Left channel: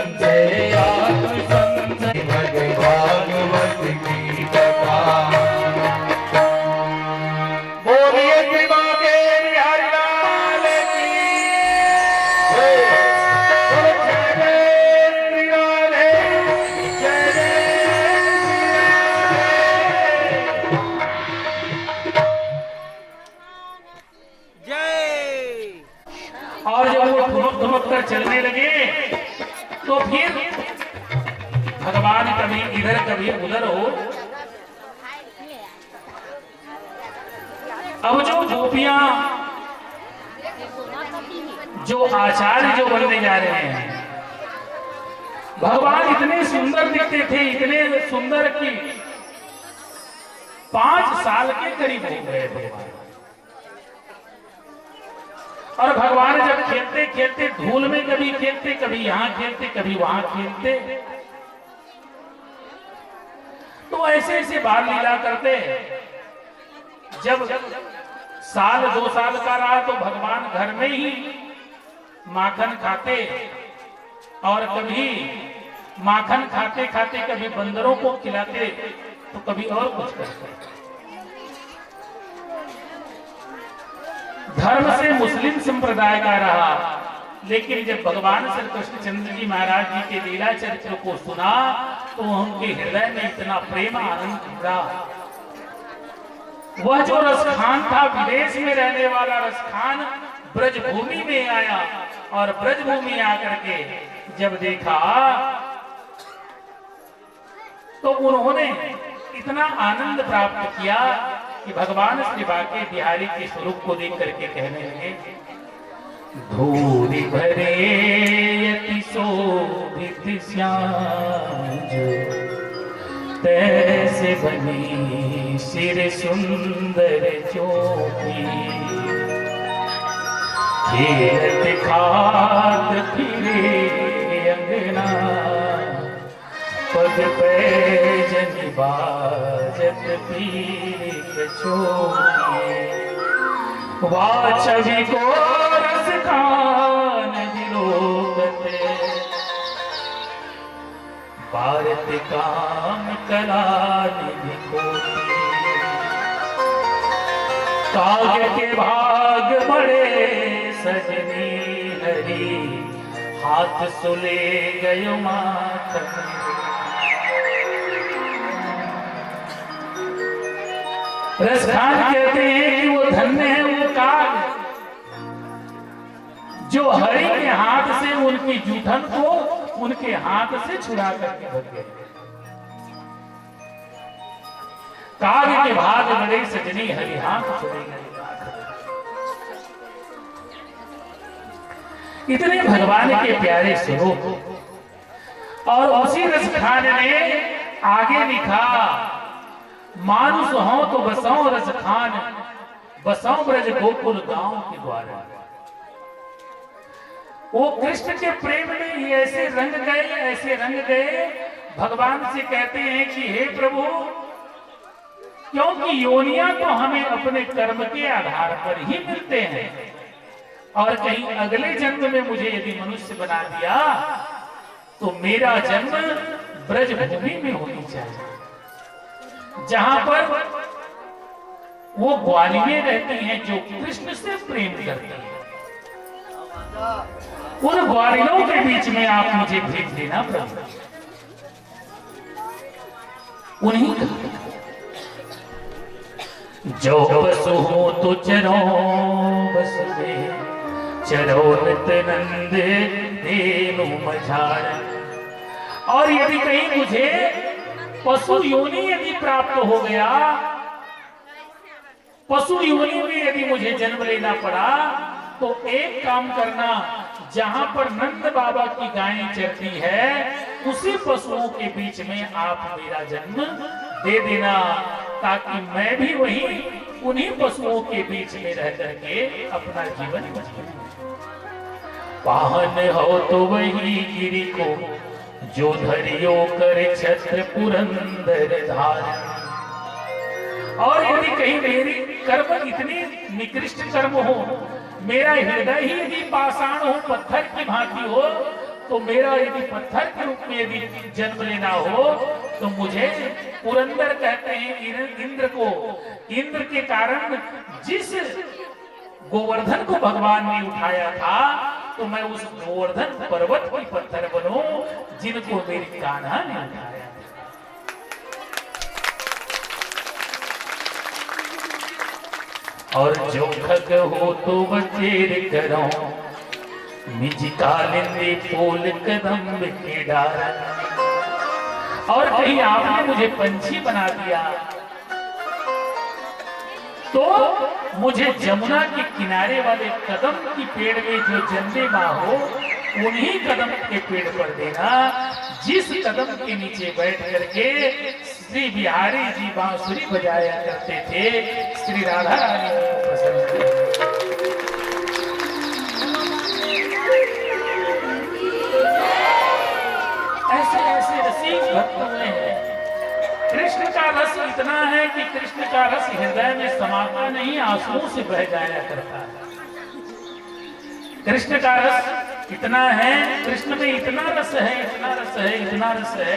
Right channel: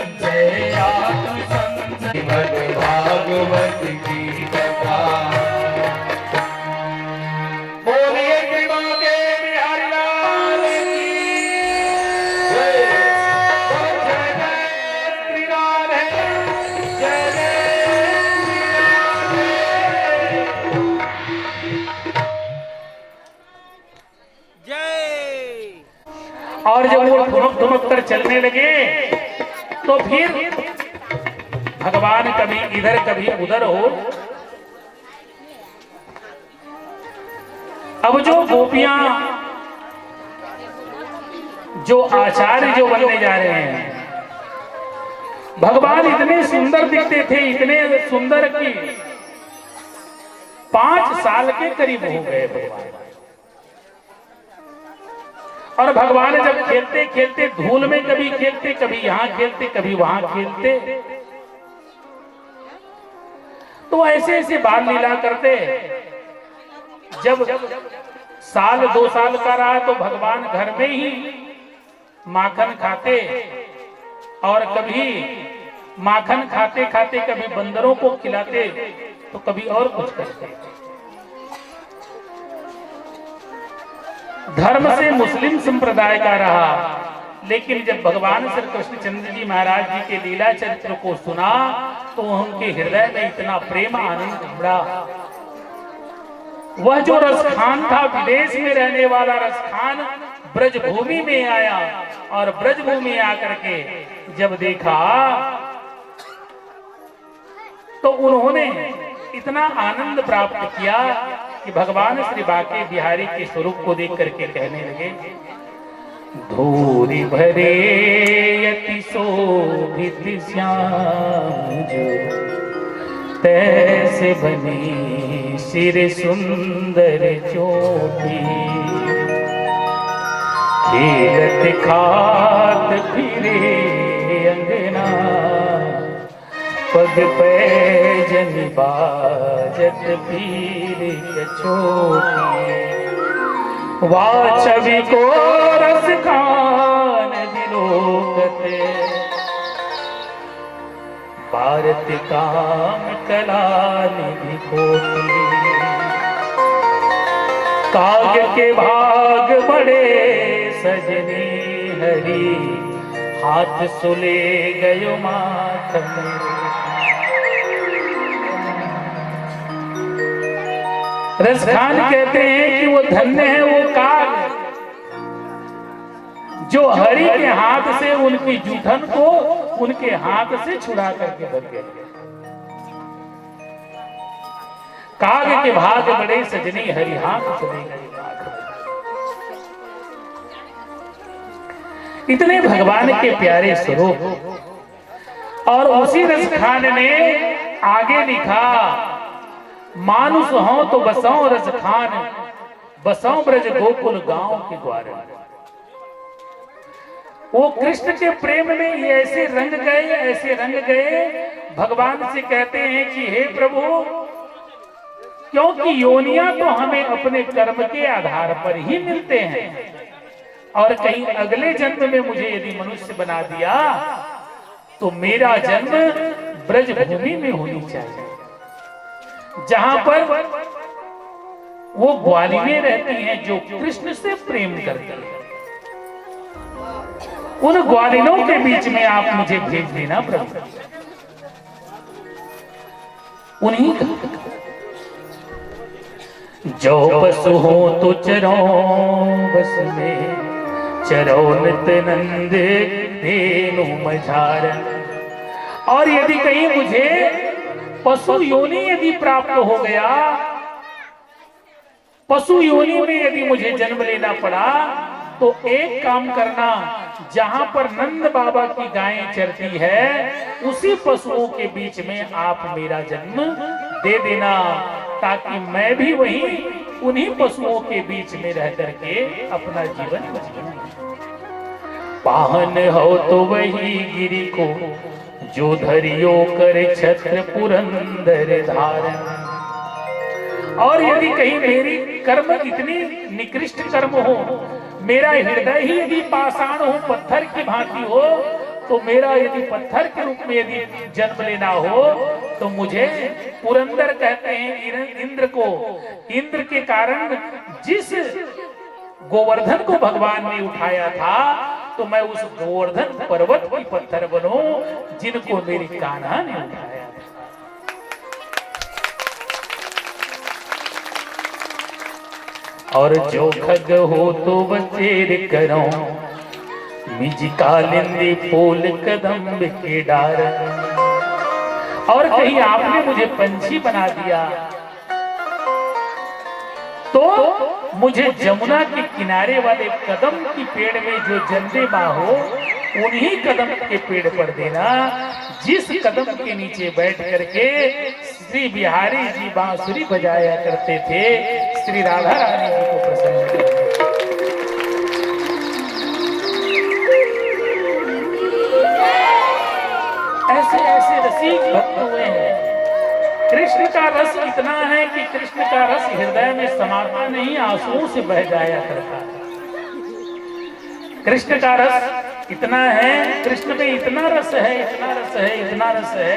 संजय आत्म संजय भागवत की कथा। बोलिए विभा देवी हरिलाल की जय। बोलो जय जय श्री राधे, जय जय श्री राधे। जय। और जब वो ठुमक ठुमक कर चलने लगे तो फिर भगवान कभी इधर कभी उधर हो। अब जो गोपियां जो आचार्य जो बनने जा रहे हैं, भगवान इतने सुंदर दिखते थे, इतने सुंदर कि 5 साल के करीब हो गए भगवान। और भगवान जब खेलते खेलते धूल में कभी खेलते, कभी यहां खेलते, कभी वहां खेलते, तो ऐसे ऐसे बाल लीला करते। जब साल 2 साल का रहा तो भगवान घर में ही माखन खाते, और कभी माखन खाते खाते कभी बंदरों को खिलाते, तो कभी और कुछ करते। धर्म से मुस्लिम संप्रदाय का रहा, लेकिन जब भगवान श्री कृष्णचंद्र जी महाराज जी के लीला चरित्र को सुना तो उनके हृदय में इतना प्रेम आनंद उमड़ा। वह जो रसखान था, विदेश में रहने वाला रसखान, ब्रजभूमि में आया, और ब्रजभूमि आकर के जब देखा तो उन्होंने इतना आनंद प्राप्त किया कि भगवान श्री बांके बिहारी के स्वरूप को देख करके कहने लगे, धूरी भरे यति शोभित श्याम जो, तैसे बनी सिर सुंदर चोटी। खेलत खात फिरे अंगना, पग पैजन बाजत पीर कछोटी। वा छवि को रस खान दिलोकते, भारत काम कला निधि कोटि। काव्य के भाग बड़े सजनी हरी, हाथ सुले गयो माथन। रसखान कहते हैं कि वो धन्य है वो काग जो हरि के हाथ से उनकी जूठन को उनके हाथ से छुड़ा करके भग गए। काग के भाग बड़े सजनी हरि, हाथ सुले गए। इतने भगवान के प्यारे स्वरूप। और उसी रसखान ने आगे लिखा, मानुष हो तो बसाओ रसखान, बसाओ ब्रज गोकुल गांव के द्वार। वो कृष्ण के प्रेम में ये ऐसे रंग गए, ऐसे रंग गए, भगवान से कहते हैं कि हे प्रभु, क्योंकि योनियां तो हमें अपने कर्म के आधार पर ही मिलते हैं, और कहीं अगले जन्म में मुझे यदि मनुष्य बना दिया तो मेरा जन्म ब्रज भूमि में होनी चाहिए, जहां पर वो ग्वालिनें रहती हैं जो कृष्ण से प्रेम करती हैं। उन ग्वालिनों के बीच में आप मुझे भेज देना प्रभु। उन्हीं जो पशु हो तो चरो बस में, चरो नित नंद धेनु मझारन। और यदि कहीं मुझे पशु योनि यदि प्राप्त हो गया, पशु योनि में यदि मुझे जन्म लेना पड़ा, तो एक काम करना, जहां पर नंद बाबा की गायें चरती है उसी पशुओं के बीच में आप मेरा जन्म दे देना, ताकि मैं भी वही उन्हीं पशुओं के बीच में रह करके अपना जीवन जीऊं। पाहन हो तो वही गिरी को, जो धरियो करे छत्र पुरंदर धारण। और यदि कहीं मेरी कर्म इतनी निकृष्ट कर्म हो, मेरा हृदय ही यदि पाषाण हो, पत्थर की भांति हो, तो मेरा यदि पत्थर के रूप में यदि जन्म लेना हो तो मुझे पुरंदर कहते हैं इंद्र को, इंद्र के कारण जिस गोवर्धन को भगवान ने उठाया था तो मैं उस गोवर्धन पर्वत की पत्थर बनूं जिनको मेरी कान्हा ने उठाया। और जो खग हो तो बचेर करो मिज कालिंदी फूल कदम के डार। और कहीं आपने मुझे पंछी बना दिया तो मुझे जमुना के किनारे वाले कदम की पेड़ में जो जन्मे माँ हो उन्हीं कदम के पेड़ पर देना जिस कदम के नीचे बैठ करके श्री बिहारी जी बांसुरी बजाया करते थे, श्री राधा रानी जी को प्रसन्न करते। ऐसे ऐसे रसिक भक्त हुए हैं। कृष्ण का रस इतना है कि कृष्ण का रस हृदय में समाता नहीं, आंसुओं से बह जाया करता है। कृष्ण का रस इतना है, कृष्ण में इतना रस है, इतना रस है, इतना रस है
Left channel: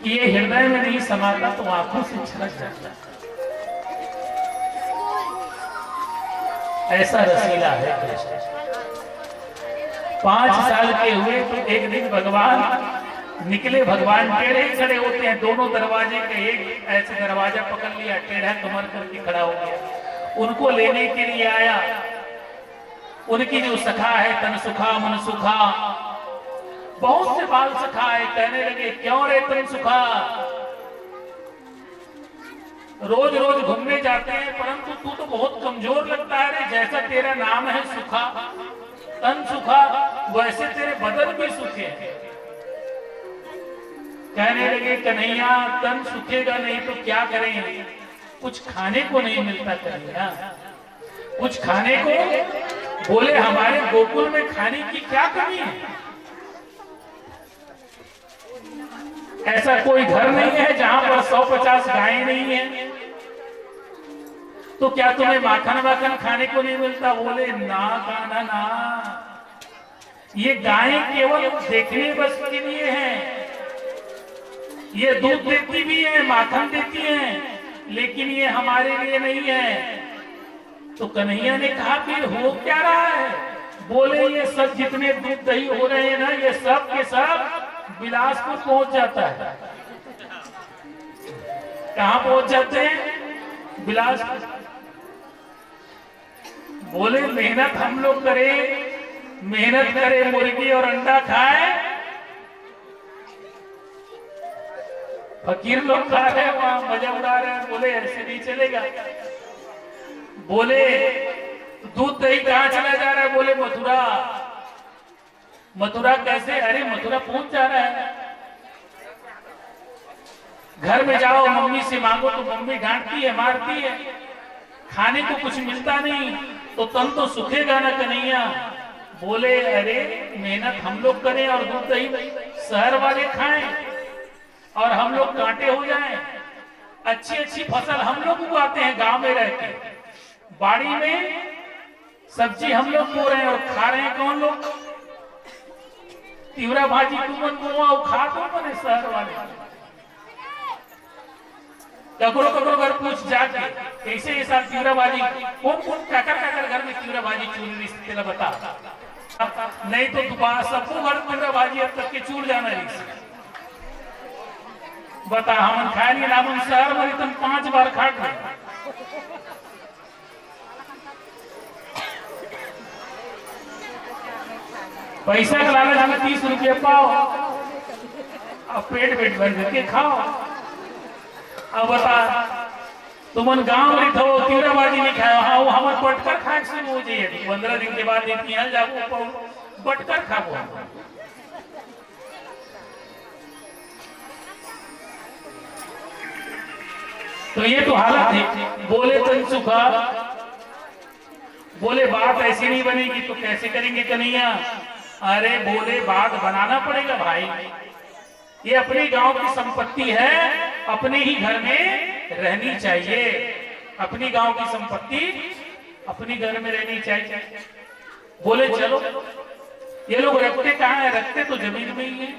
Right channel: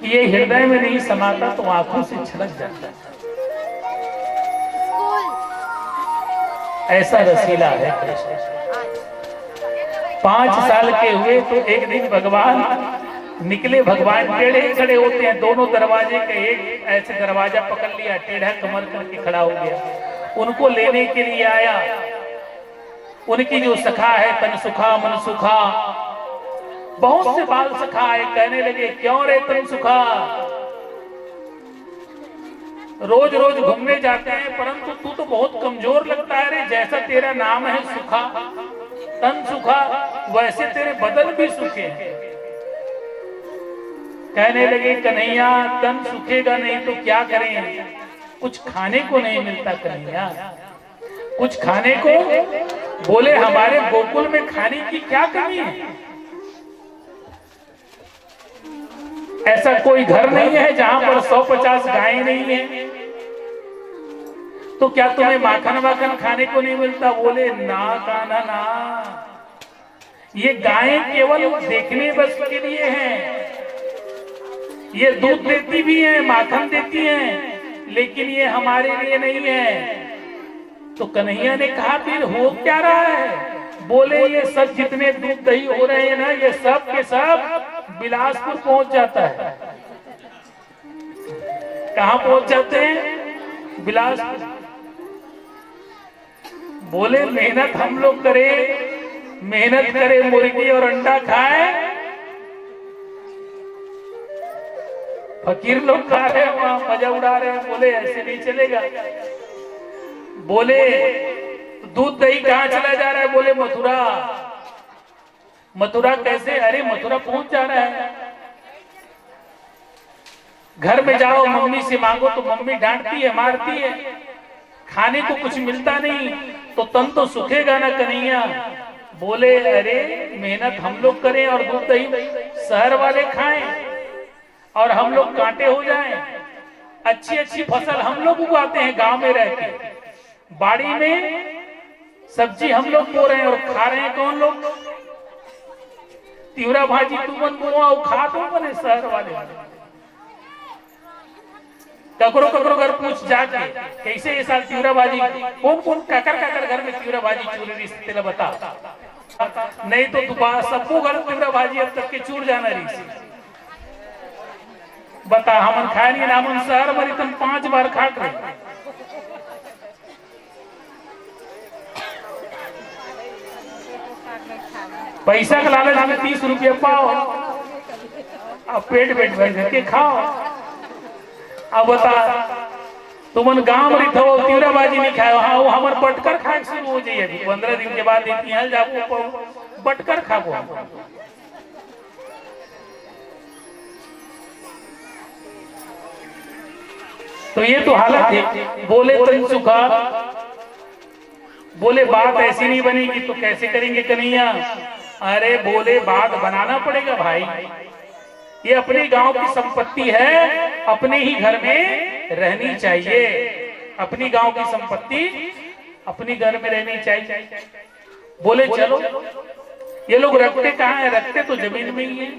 कि ये हृदय में नहीं समाता तो आंखों से छलक जाता है। ऐसा रसीला है कृष्ण। 5 साल के हुए तो एक दिन भगवान निकले। भगवान टेढ़े खड़े होते हैं, दोनों दरवाजे के एक ऐसे दरवाजा पकड़ लिया, टेढ़ा कमर करके खड़ा हो गया। उनको लेने के लिए आया। उनकी जो सखा है तन सुखा मन सुखा, बहुत से बाल सखा है, कहने लगे क्यों रे तन सुखा, रोज रोज घूमने जाते हैं परंतु तू तो बहुत कमजोर लगता है रे। जैसा तेरा नाम है सुखा, तन सुखा, वैसे तेरे बदन भी सूखे हैं। कहने लगे कन्हैया तन सूखेगा नहीं तो क्या करें, कुछ खाने को नहीं मिलता कन्हैया, कुछ खाने को। बोले हमारे गोकुल में खाने की क्या कमी है, ऐसा कोई घर नहीं है जहां पर 150 गायें नहीं है, तो क्या तुम्हें माखन वाखन खाने को नहीं मिलता। बोले ना कान्हा ना, ये गायें केवल देखने बस के लिए हैं, ये दूध देती भी है, माखन देती है, लेकिन ये हमारे लिए नहीं है। तो कन्हैया ने कहा फिर हो क्या रहा है। बोले ये सब जितने दूध दही हो रहे हैं ना, ये सब के सब बिलासपुर पहुंच जाता है। कहां पहुंच जाते हैं, बिलासपुर। बोले मेहनत हम लोग करें, मेहनत करें, मुर्गी और अंडा खाए, फकीर लोग खा रहे हैं, वहां मजा उड़ा रहे हैं। बोले ऐसे नहीं चलेगा। बोले दूध दही कहां चला जा रहा है। बोले मथुरा। मथुरा कैसे, अरे मथुरा पहुंच जा रहा है। घर में जाओ मम्मी से मांगो तो मम्मी डांटती है, मारती है, खाने को कुछ मिलता नहीं तो तन तो सूखेगा ना कन्हैया। बोले अरे मेहनत हम लोग करें और दूध दही शहर वाले खाएं और हम लोग कांटे हो जाएं। अच्छी अच्छी फसल हम लोग उगाते हैं, गांव में रहते, बाड़ी में सब्जी हम लोग बो रहे हैं और खा रहे हैं कौन लोग। तिवरा भाजी तुमन बुआ खा तो बने शहर वाले। ककरो ककरो घर पूछ जाके कैसे ये साल तिवरा भाजी, कौन कौन काकर घर में तिवरा भाजी चूर रही तेरा बता, नहीं तो दोबारा सबको घर तिवरा भाजी अब तक के चूर जाना रही। बता हम खाएंगे ना, हम शहर में तुम 5 बार खा गए। पैसा का लालच में 30 रुपये पाओ, अब पेट भर करके खाओ। अब बता तुमन गांव में रहो तिवरा बाजी नहीं खाओ, हाँ वो हमारे बटकर खा शुरू हो जाइए। 15 दिन के बाद जाओ बटकर खाओ। तो ये तो हालत है। बोले तन सुखा, बोले बात ऐसी नहीं बनेगी तो कैसे करेंगे कन्हैया। अरे बोले बात बनाना पड़ेगा भाई, ये अपने गांव की संपत्ति है, अपने ही घर में रहनी चाहिए। अपनी गांव की संपत्ति अपने घर में रहनी चाहिए। बोले चलो ये लोग रखते कहाँ है? रखते तो जमीन में ही है,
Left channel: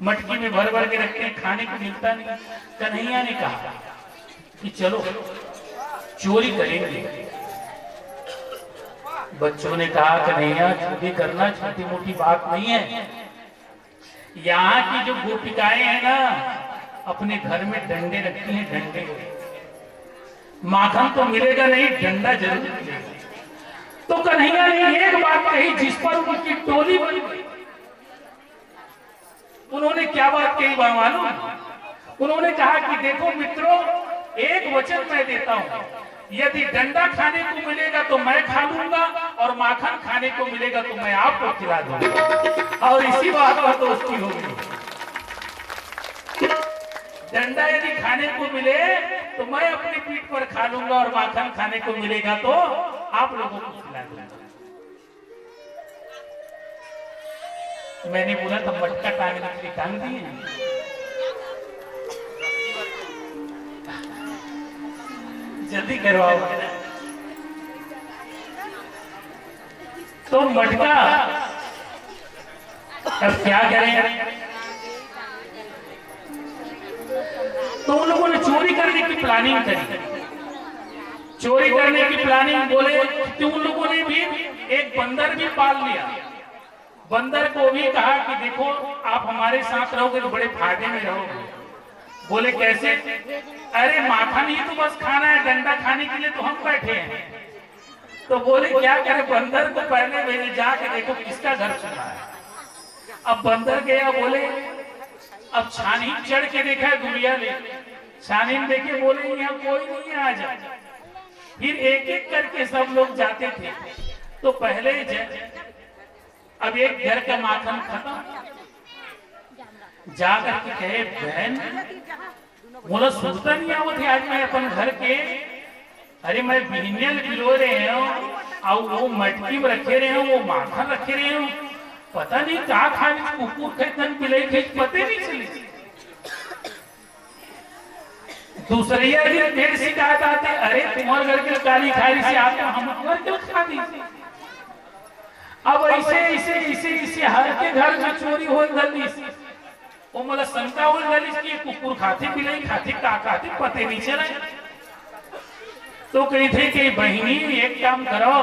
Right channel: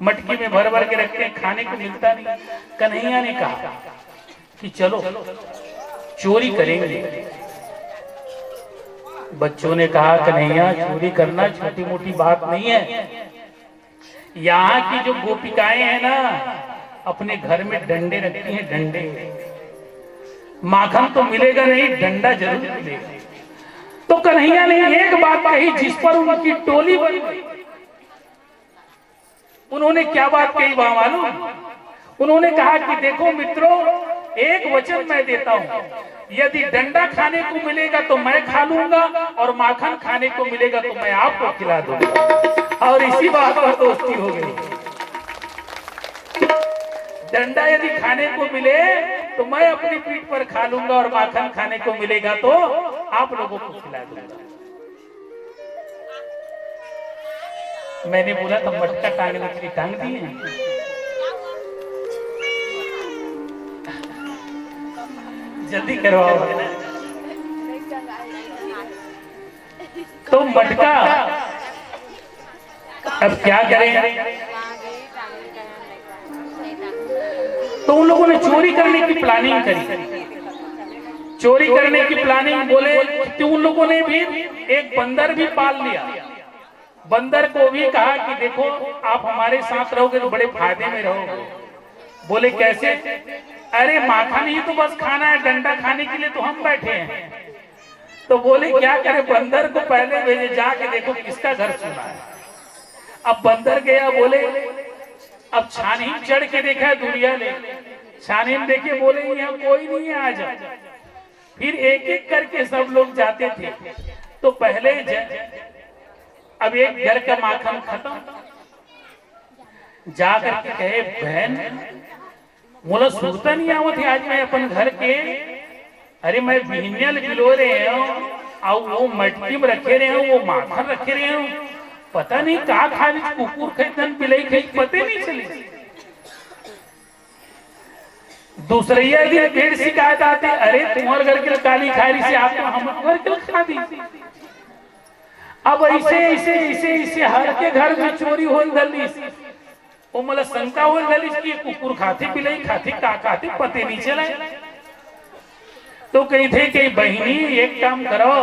मटकी में भर भर के रखते हैं, खाने को मिलता नहीं। कन्हैया ने कहा कि चलो चोरी करेंगे। बच्चों ने कहा कन्हैया चोरी करना छोटी मोटी बात नहीं है। यहाँ की जो गोपिकाएं हैं ना, अपने घर में डंडे रखती हैं, डंडे। माखन तो मिलेगा नहीं, डंडा जरूर मिलेगा। तो कन्हैया ने एक बात कही जिस पर उनकी टोली बनी। उन्होंने क्या बात कही वहां मालूम? उन्होंने कहा कि देखो मित्रों, एक वचन मैं देता हूं, यदि डंडा खाने को मिलेगा तो मैं खा लूंगा, और माखन खाने को मिलेगा तो मैं आपको खिला दूंगा। और इसी बात पर दोस्ती हो गई। डंडा यदि खाने को मिले तो मैं अपनी पीठ पर खा लूंगा, और माखन खाने को मिलेगा तो आप लोगों को खिला दूंगा। मैंने बोला तो मटका टांगने के लिए टांग दिए। जल्दी करवाओ। तो मटका अब क्या करें? तो उन लोगों ने चोरी करने की प्लानिंग करी। चोरी करने की प्लानिंग बोले कि उन लोगों ने भी एक बंदर भी पाल लिया। बंदर को भी कहा कि देखो आप हमारे साथ रहोगे तो बड़े फायदे में रहोगे। बोले कैसे? अरे माखन ही तो बस खाना है, डंडा खाने के लिए तो हम बैठे हैं। तो बोले क्या करे? बंदर को पहले भेजे, जाके देखो किसका घर सुना है। अब बंदर गया, बोले अब छानीन चढ़ के देखा, दुनिया ने छानीन देखे, बोले यहाँ कोई नहीं है, आ जा। फिर एक एक करके सब लोग जाते थे। तो पहले अब एक घर का माखन खत्म, जाकर के कहे बहन बोला सुनता नहीं आवत है आज मैं अपन घर के। अरे मैं बिहनियल पिलो रहे हूँ और वो मटकी में रखे रहे हूँ, वो माखन रखे रहे हूँ, पता नहीं कहा खाली कुकुर खेतन बिलाई थे, पते नहीं चले। दूसरे दिन पेड़ शिकायत आते, अरे तुम्हारे घर के काली खारी से आप हम घर के खा दी। अब ऐसे ऐसे ऐसे ऐसे हर के घर में चोरी हो गली, वो मतलब शंका हो गली कि कुकुर खाते बिलाई खाते का खाते पते नहीं चले। तो कही थे कि बहनी एक काम करो,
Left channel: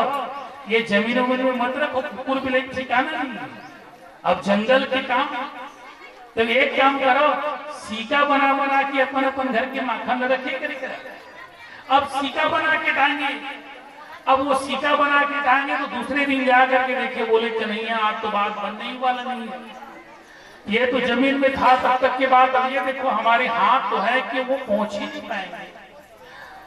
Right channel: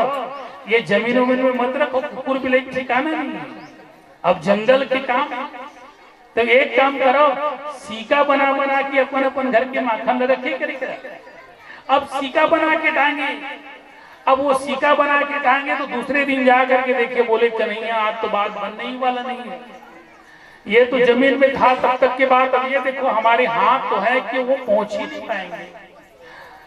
ये जमीन उमीन में मत रखो, कुकुर बिलाई ठिकाना नहीं। अब जंगल के काम, तो एक काम करो, सीका बना बना के अपन अपन घर के माखन रखे करे। अब सीका बना के टांगे। अब वो सीका बना के टांगे तो दूसरे दिन जा करके देखे, बोले कन्हैया आप तो बात बनने ही वाला नहीं है, ये तो जमीन में था तब तक के बाद, अब ये देखो हमारे हाथ तो है कि वो पहुंच ही नहीं पाएंगे।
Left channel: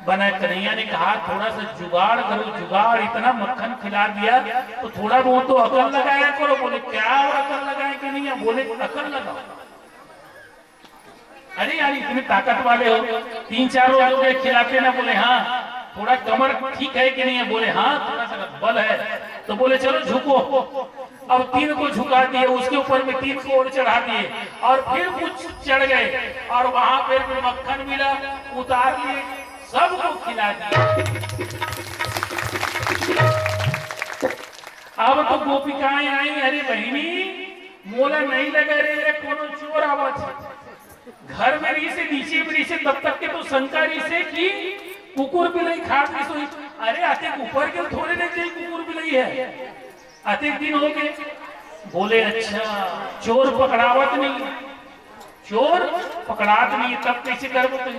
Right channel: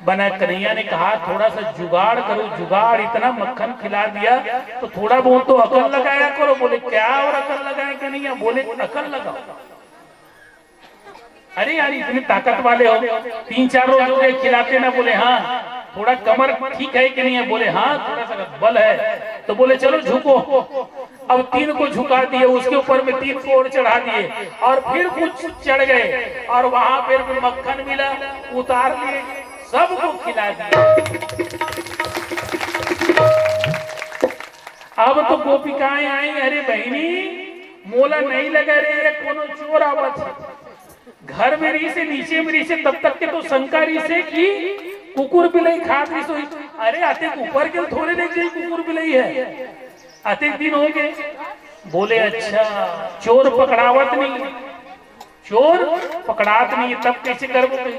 बना कन्हैया ने कहा थोड़ा सा जुगाड़ करो, जुगाड़, इतना मक्खन खिला दिया तो थोड़ा बहुत तो अकल लगाया करो। बोले क्या और अकल लगाए कन्हैया? बोले अकल लगाओ। अरे यार इतने ताकत वाले हो, 3-4 रोज हो गए खिलाते ना। बोले हाँ। थोड़ा कमर ठीक है कि नहीं है? बोले हाँ थोड़ा सा बल है। तो बोले चलो झुको। अब 3 को झुका दिए, उसके ऊपर में 3 को और चढ़ा दिए, और फिर कुछ चढ़ गए, और वहां पर मक्खन मिला, उतार लिए, सबको खिला दिया। अब तो गोपिकाएं आई, अरे बहनी मोला नहीं लगा रे, कोनो चोर आवत घर में रही से नीचे में रही से, तब तक के तो शंका रही से कि कुकुर बिलाई खा रही सोई। अरे आते ऊपर के थोड़े देख जाए कुकुर बिलाई है, आते दिन हो गए। बोले अच्छा चोर पकड़ावत नहीं, चोर पकड़ात नहीं, तब कैसे करोगे?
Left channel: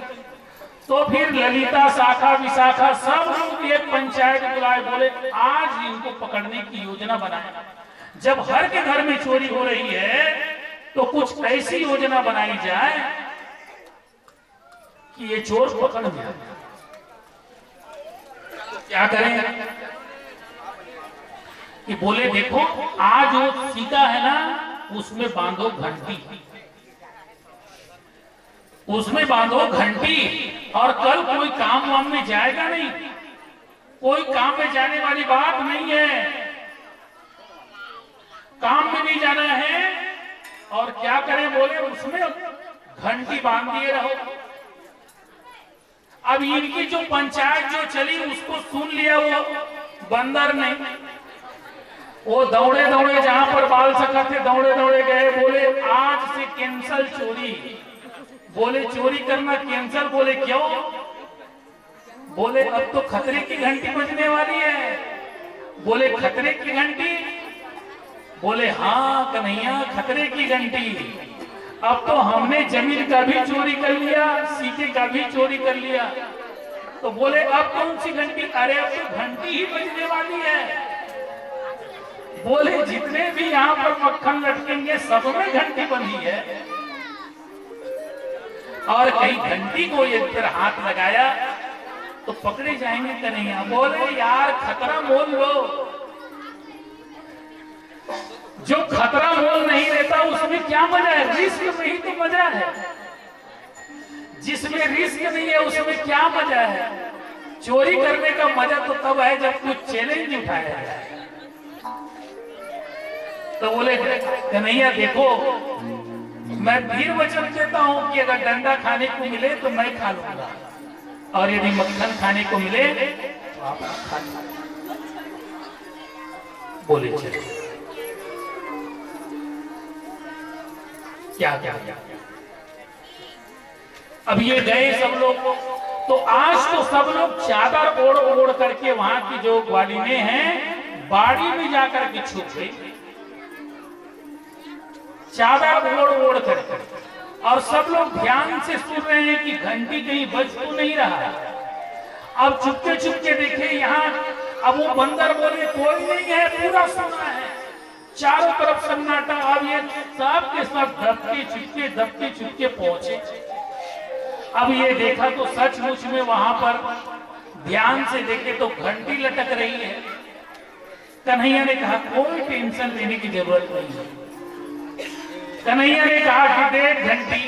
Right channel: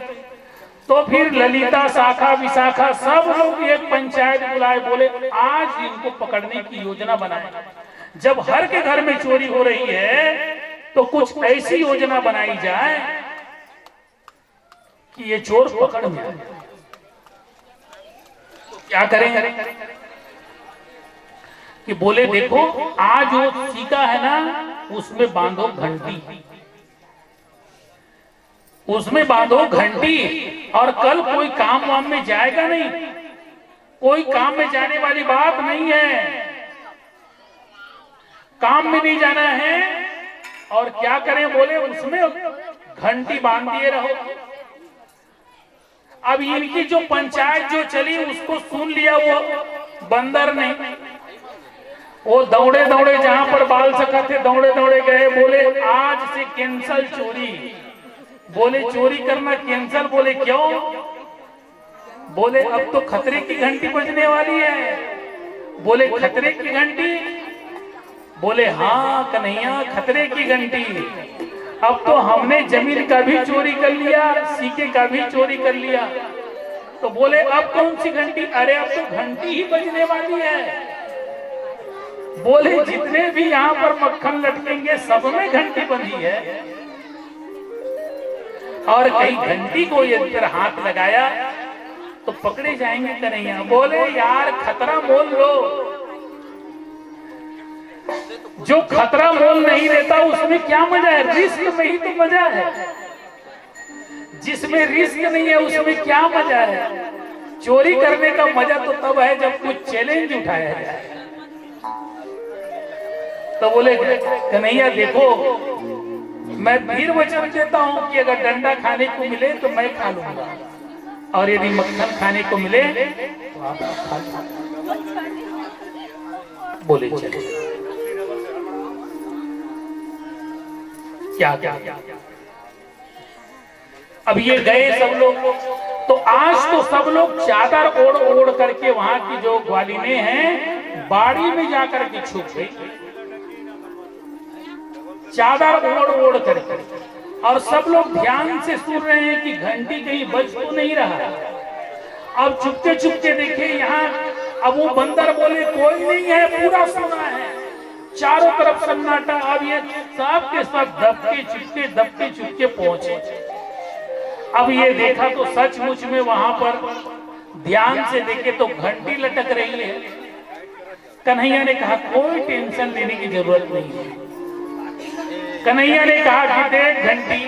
तो फिर ललिता शाखा विशाखा सब लोग एक पंचायत बुलाए, बोले आज इनको पकड़ने की योजना बनाए। जब हर के घर में चोरी हो रही है तो कुछ ऐसी योजना बनाई जाए कि ये चोर पकड़ में आए। तो क्या करें? कि बोले देखो आज जो सीता है ना उसमें बांधो घंटी, उसमें बांधो घंटी, और कल कोई काम वाम में जाएगा नहीं, कोई काम में जाने वाली बात नहीं है, काम में नहीं जाना है। और क्या करें? बोले उसमें घंटी बांध दिए रहो। अब इनकी जो पंचायत जो चली उसको सुन लिया वो बंदर ने, वो दौड़े दौड़े जहां पर बाल सका थे दौड़े दौड़े गए, बोले आज से कैंसल चोरी। बोले चोरी करना कैंसल। बोले क्यों? बोले अब तो खतरे की घंटी बजने वाली है। बोले खतरे की घंटी? बोले हाँ कन्हैया खतरे की घंटी। अब तो हमने जमीन का भी चोरी कर लिया, सीके का भी चोरी कर लिया। तो बोले अब कौन सी घंटी? अरे अब तो घंटी ही बजने वाली है। बोले जितने भी यहाँ पर मक्खन लटकेंगे सब में घंटी बंधी है। और कहीं घंटी को यदि हाथ लगाया तो पकड़े जाएंगे कन्हैया। बोले यार खतरा मोल लो। जो खतरा मोल नहीं लेता उसमें क्या मजा है? रिस्क में ही तो मजा है। जिसमें रिस्क नहीं है उसमें क्या मजा है? चोरी करने का मजा तो तब है जब कुछ चैलेंज उठाया जाए। तो बोले कन्हैया देखो मैं फिर वचन देता हूं कि अगर डंडा खाने को मिले तो मैं खा लूंगा, और यदि मक्खन खाने को मिले तो आप खा लीजिए। बोले चले क्या क्या क्या। अब ये गए सब लोग, तो आज तो सब लोग चादर ओढ़ ओढ़ करके वहां की जो ग्वालिनें हैं बाड़ी में जाकर के छुप गई, चादर ओढ़ ओढ़ करके। और सब लोग ध्यान से सुन रहे हैं कि घंटी कहीं बज तो नहीं रहा। अब चुपके चुपके देखे यहाँ। अब वो बंदर बोले कोई नहीं है, पूरा सुनना है, चारों तरफ सन्नाटा। अब ये सब के सब दबके चुपके पहुंचे। अब ये देखा तो सचमुच में वहां पर ध्यान से देखे तो घंटी लटक रही है। कन्हैया ने कहा कोई टेंशन लेने की जरूरत नहीं है। कन्हैया ने कहा कि देख घंटी,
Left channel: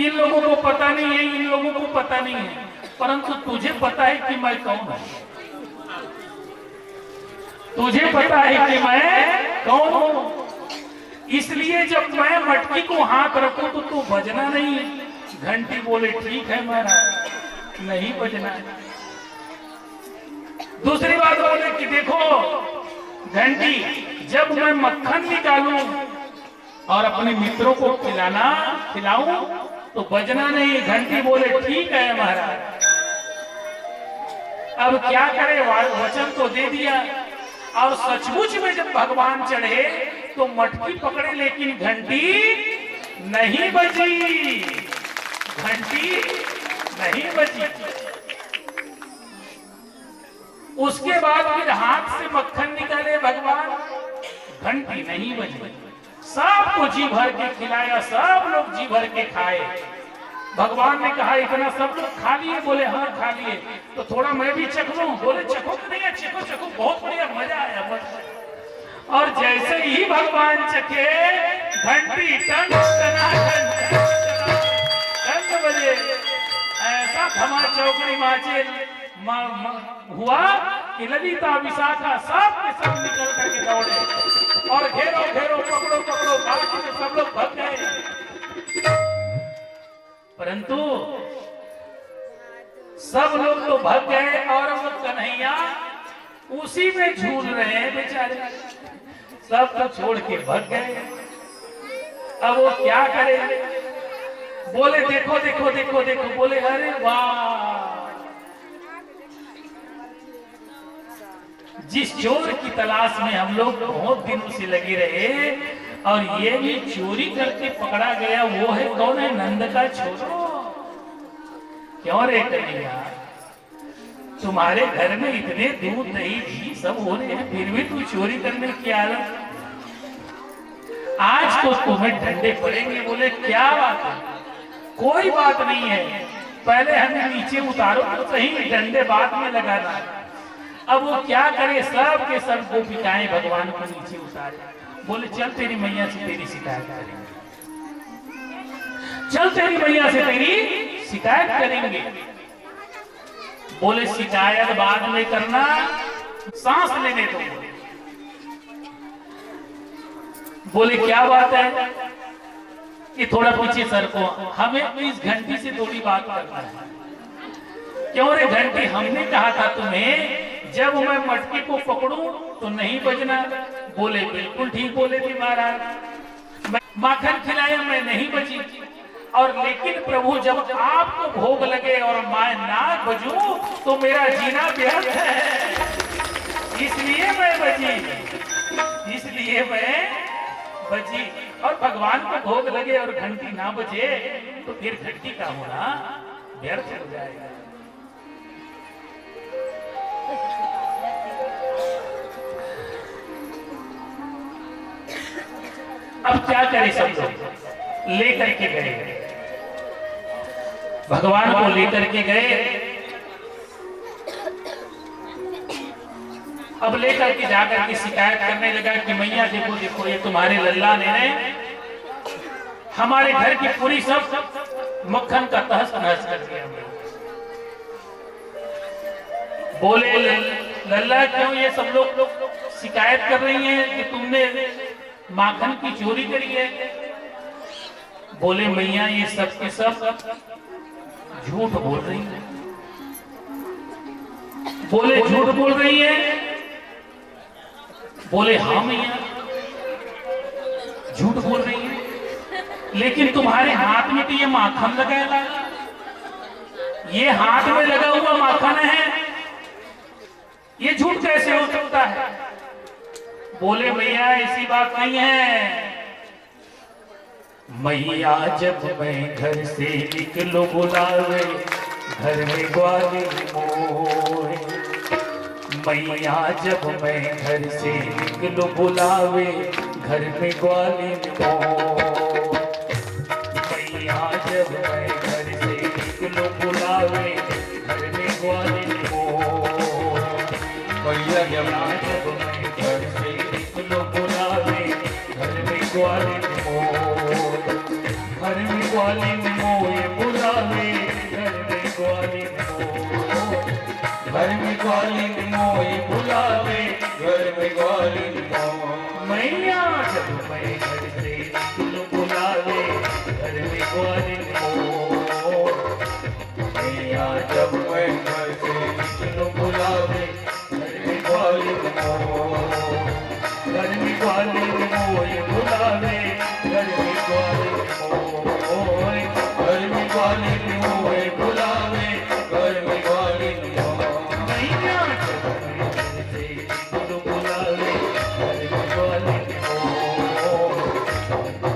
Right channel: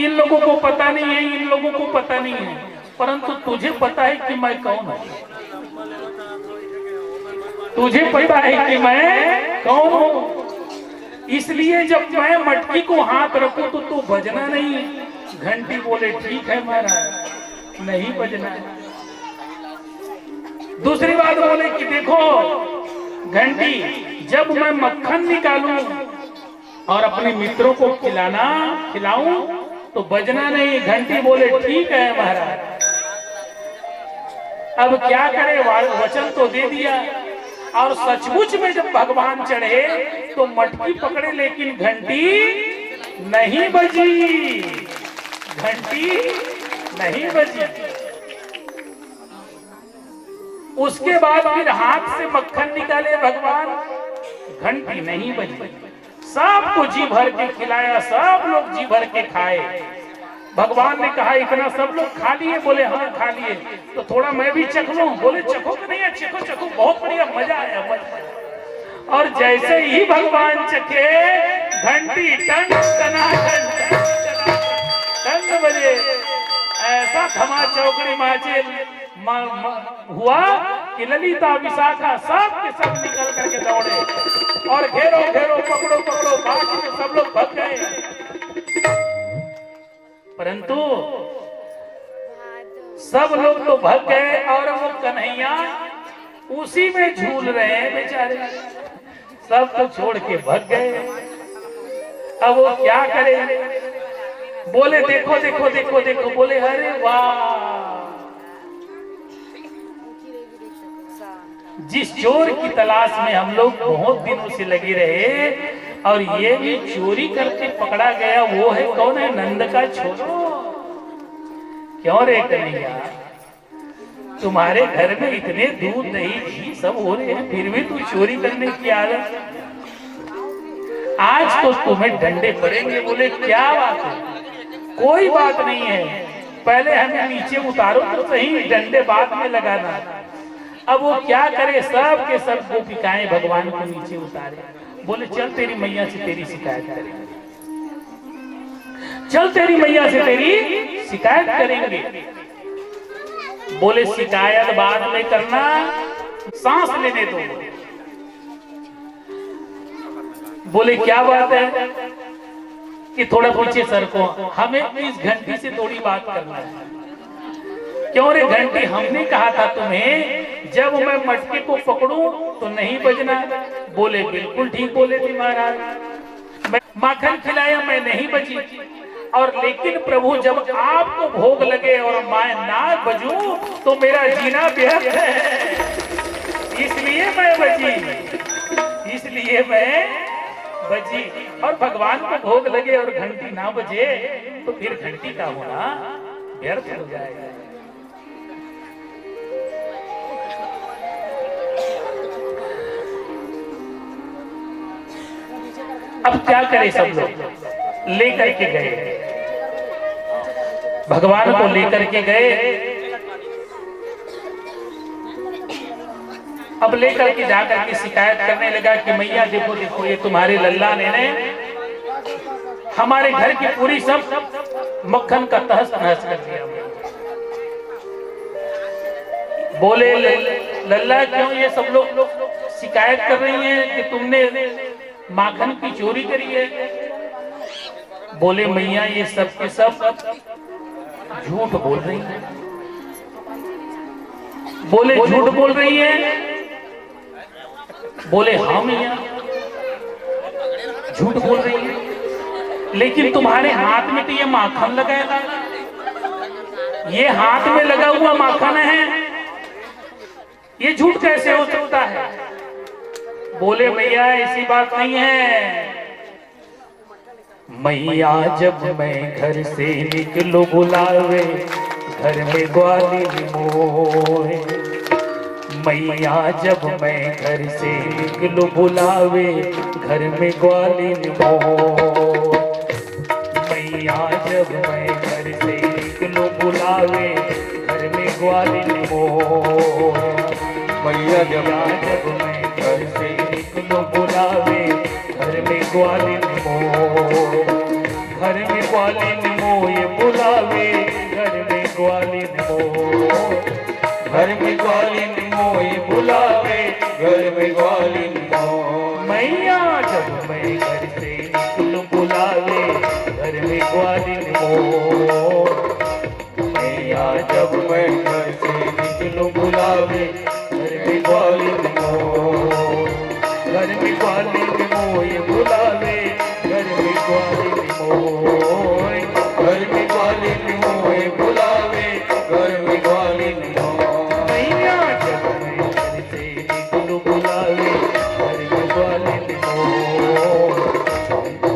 इन लोगों को पता नहीं है, इन लोगों को पता नहीं है, परंतु तुझे पता है कि मैं कौन हूं। तुझे पता है कि मैं कौन हूं, इसलिए जब मैं मटकी को हाथ रखूं तो तू बजना नहीं है। घंटी बोले ठीक है महाराज, नहीं बजना। दूसरी बात बोले कि देखो घंटी, जब मैं मक्खन निकालूं और अपने मित्रों को खिलाऊं तो बजना नहीं। घंटी बोले ठीक है महाराज। अब क्या करे, वचन तो दे दिया। और सचमुच में जब भगवान चढ़े तो मटकी पकड़े, लेकिन घंटी नहीं बजी। घंटी नहीं बजी। उसके बाद फिर हाथ से मक्खन निकाले भगवान, घंटी नहीं बजी। सबको जी भर के खिलाया, सब लोग जी भर के खाए। भगवान ने कहा इतना सब लोग खा लिए? बोले हाँ खा लिए। तो थोड़ा मैं भी चख लूं? बोले चखो नहीं है, चखो चखो, बहुत बढ़िया, मजा आया मजा। और जैसे ही भगवान चखे घंटी टन बजे, ऐसा धमा चौकड़ी माचे हुआ कि ललिता विशाखा सब के सब निकल करके दौड़े और घेरो घेरो, पकड़ो पकड़ो, बाकी के सब लोग भाग गए। परंतु सब लोग तो भाग गए और वो कन्हैया उसी में झूल रहे हैं बेचारे। सब तो छोड़ के भाग गए। अब वो क्या करे? बोले देखो देखो देखो देखो। बोले अरे वाह, जिस चोर की तलाश में हम लोग बहुत दिनों से लगे रहे और ये भी चोरी करके पकड़ा गया, वो है कौन? है नंद का छोरो। क्यों रे कन्हैया, तुम्हारे घर में इतने दूध दही घी सब हो रहे हैं, फिर भी तू चोरी करने की आदत? आज तो तुम्हें डंडे पड़ेंगे। बोले क्या बात है? कोई बात नहीं है, पहले हमें नीचे उतारो तो सही, डंडे बाद में लगाना। अब वो क्या करे, सब के सब गोपिकाएं भगवान को नीचे उतारे। बोले चल तेरी मैया से तेरी शिकायत करेंगे, चल तेरी मैया से तेरी शिकायत करेंगे। बोले शिकायत बाद में करना, सांस लेने दो। बोले क्या बात है कि थोड़ा पीछे सरको, हमें इस घंटी से थोड़ी बात करना है। क्यों रे घंटी, हमने कहा था तुम्हें जब मैं मटके को पकड़ूं तो नहीं बजना। बोले बिल्कुल ठीक बोले थे महाराज, मैं माखन खिलाया मैं नहीं बची, और लेकिन प्रभु जब आपको भोग लगे और मैं ना बजूं तो मेरा जीना व्यर्थ है, इसलिए मैं बची, इसलिए मैं बची। और भगवान को भोग लगे और घंटी ना बजे तो फिर घंटी का होना व्यर्थ हो जाएगा। अब क्या करें, सब लोग लेकर के गए, भगवान को लेकर के गए। अब लेकर के जाकर के शिकायत करने लगा कि मैया देखो देखो, ये तुम्हारे लल्ला ने हमारे घर की पूरी सब मक्खन का तहस नहस कर दिया। बोले लल्ला क्यों ये सब लोग शिकायत कर रही हैं कि तुमने माखन की चोरी करी है? बोले मैया ये सब के सब झूठ बोल रही है। बोले झूठ बोल रही है? बोले हाँ मैया झूठ बोल रही है, लेकिन तुम्हारे हाथ में तो ये माखन लगाएगा, ये हाथ में लगा हुआ माखन है, ये झूठ कैसे हो सकता है? बोले भैया ऐसी बात नहीं है। मैया जब मैं घर से निकलो बुलावे, घर में ग्वालिन मोए। मैया जब मैं घर से निकलो बुलावे, घर में ग्वालिन मोए। मैया जब मैं घर से निकलो बुलावे, घर में ग्वालिन मोए। मैया जब मैं घर से निकलो बुलावे, घर में ग्वालिन मोए। घर में ग्वालिन मोए बुलावे, घर में ग्वालिन मोए। घर में ग्वालिन मोए बुलावे, घर में ग्वालिन मोए। मैया जब मैं घर से निकलो बुलावे, घर में ग्वालिन मोए। मैया जब मैं घर से निकलो बुलावे, घर में ग्वालिन मोए। घर में ग्वालिन मोए बुलावे, घर में ग्वालिन मोए। घर में ग्वालिन मोए बुलावे, घर में ग्वालिन मोए। मैया जब मैं घर से निकलो बुलावे, घर में ग्वालिन मोए।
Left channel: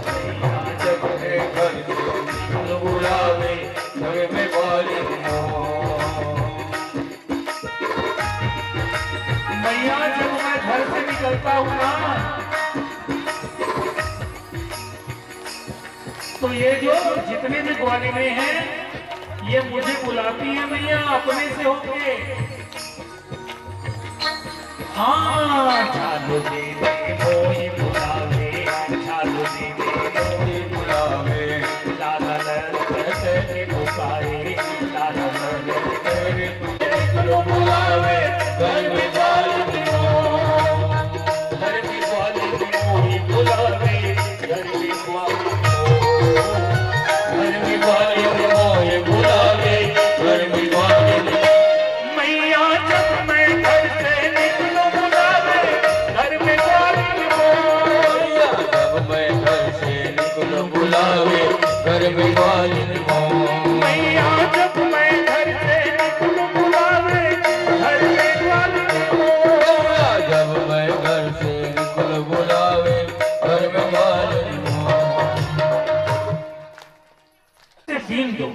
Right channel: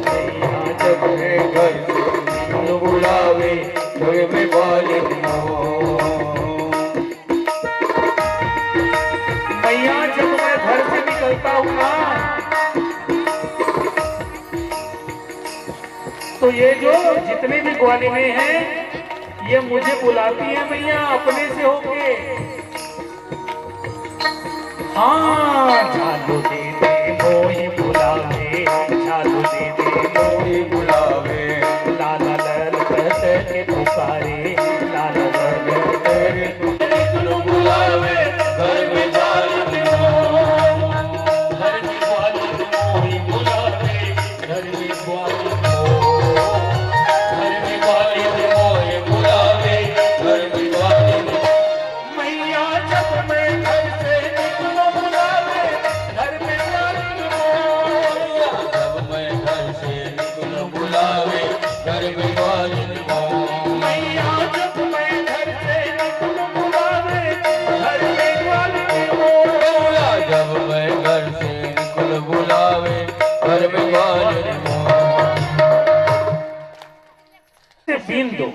मैया जब मैं घर से निकलो बुलावे, घर में ग्वालिन मोए। मैया जब मैं घर से निकलता हूँ ना, तो ये जो जितने भी ग्वालिनें हैं ये मुझे बुलाती हैं मैया अपने से होके। हाँ झालू दे दे मोई बुलावे, झालू दे दे मोई बुलावे। लाला लल करके पुकारे, लाला लल करके बुलावे, घर में ग्वालिन मोए। घर में ग्वालिन मोई बुलावे, घर में ग्वालिन मोए। घर में ग्वालिन मोए बुलावे, घर में ग्वालिन। मैया जब मैं घर से निकलो बुलावे, घर में ग्वालिन मोए। जब मैं घर से निकलो बुलावे, घर में ग्वालिन मोए। मैया जब मैं घर से निकलो बुलावे, घर में ग्वालिन मोए। जब मैं घर से निकलो बुलावे, घर में ग्वालिन मोए। बीन दो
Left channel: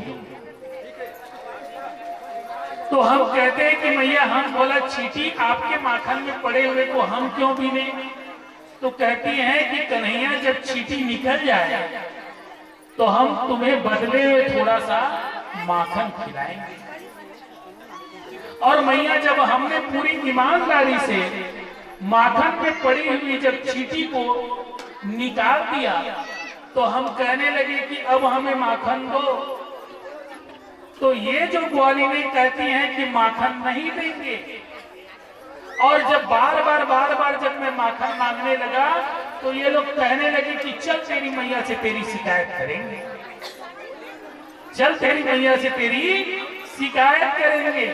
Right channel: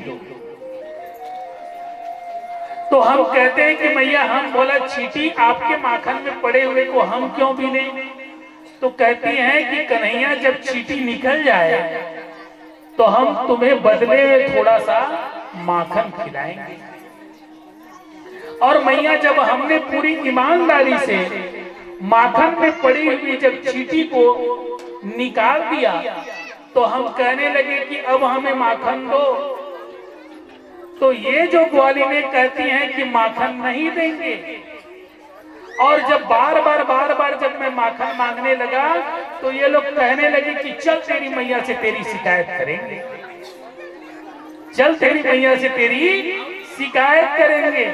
तो हम कहते हैं कि मैया हम बोला चीटी आपके माखन में पड़े हुए को हम क्यों बीने? तो कहती हैं कि कन्हैया जब चीटी निकल जाए तो हम तुम्हें बदले में थोड़ा सा माखन खिलाएंगे। और मैया जब हमने पूरी ईमानदारी से माखन में पड़ी हुई जब चीटी को निकाल दिया तो हम कहने लगे कि अब हमें माखन दो। तो ये जो ग्वालिनें कहती हैं कि माखन नहीं देंगे, और जब बार बार जब मैं माखन मांगने लगा तो ये लोग कहने लगे कि चल तेरी मैया से तेरी शिकायत करेंगे, चल तेरी मैया से तेरी शिकायत करेंगे।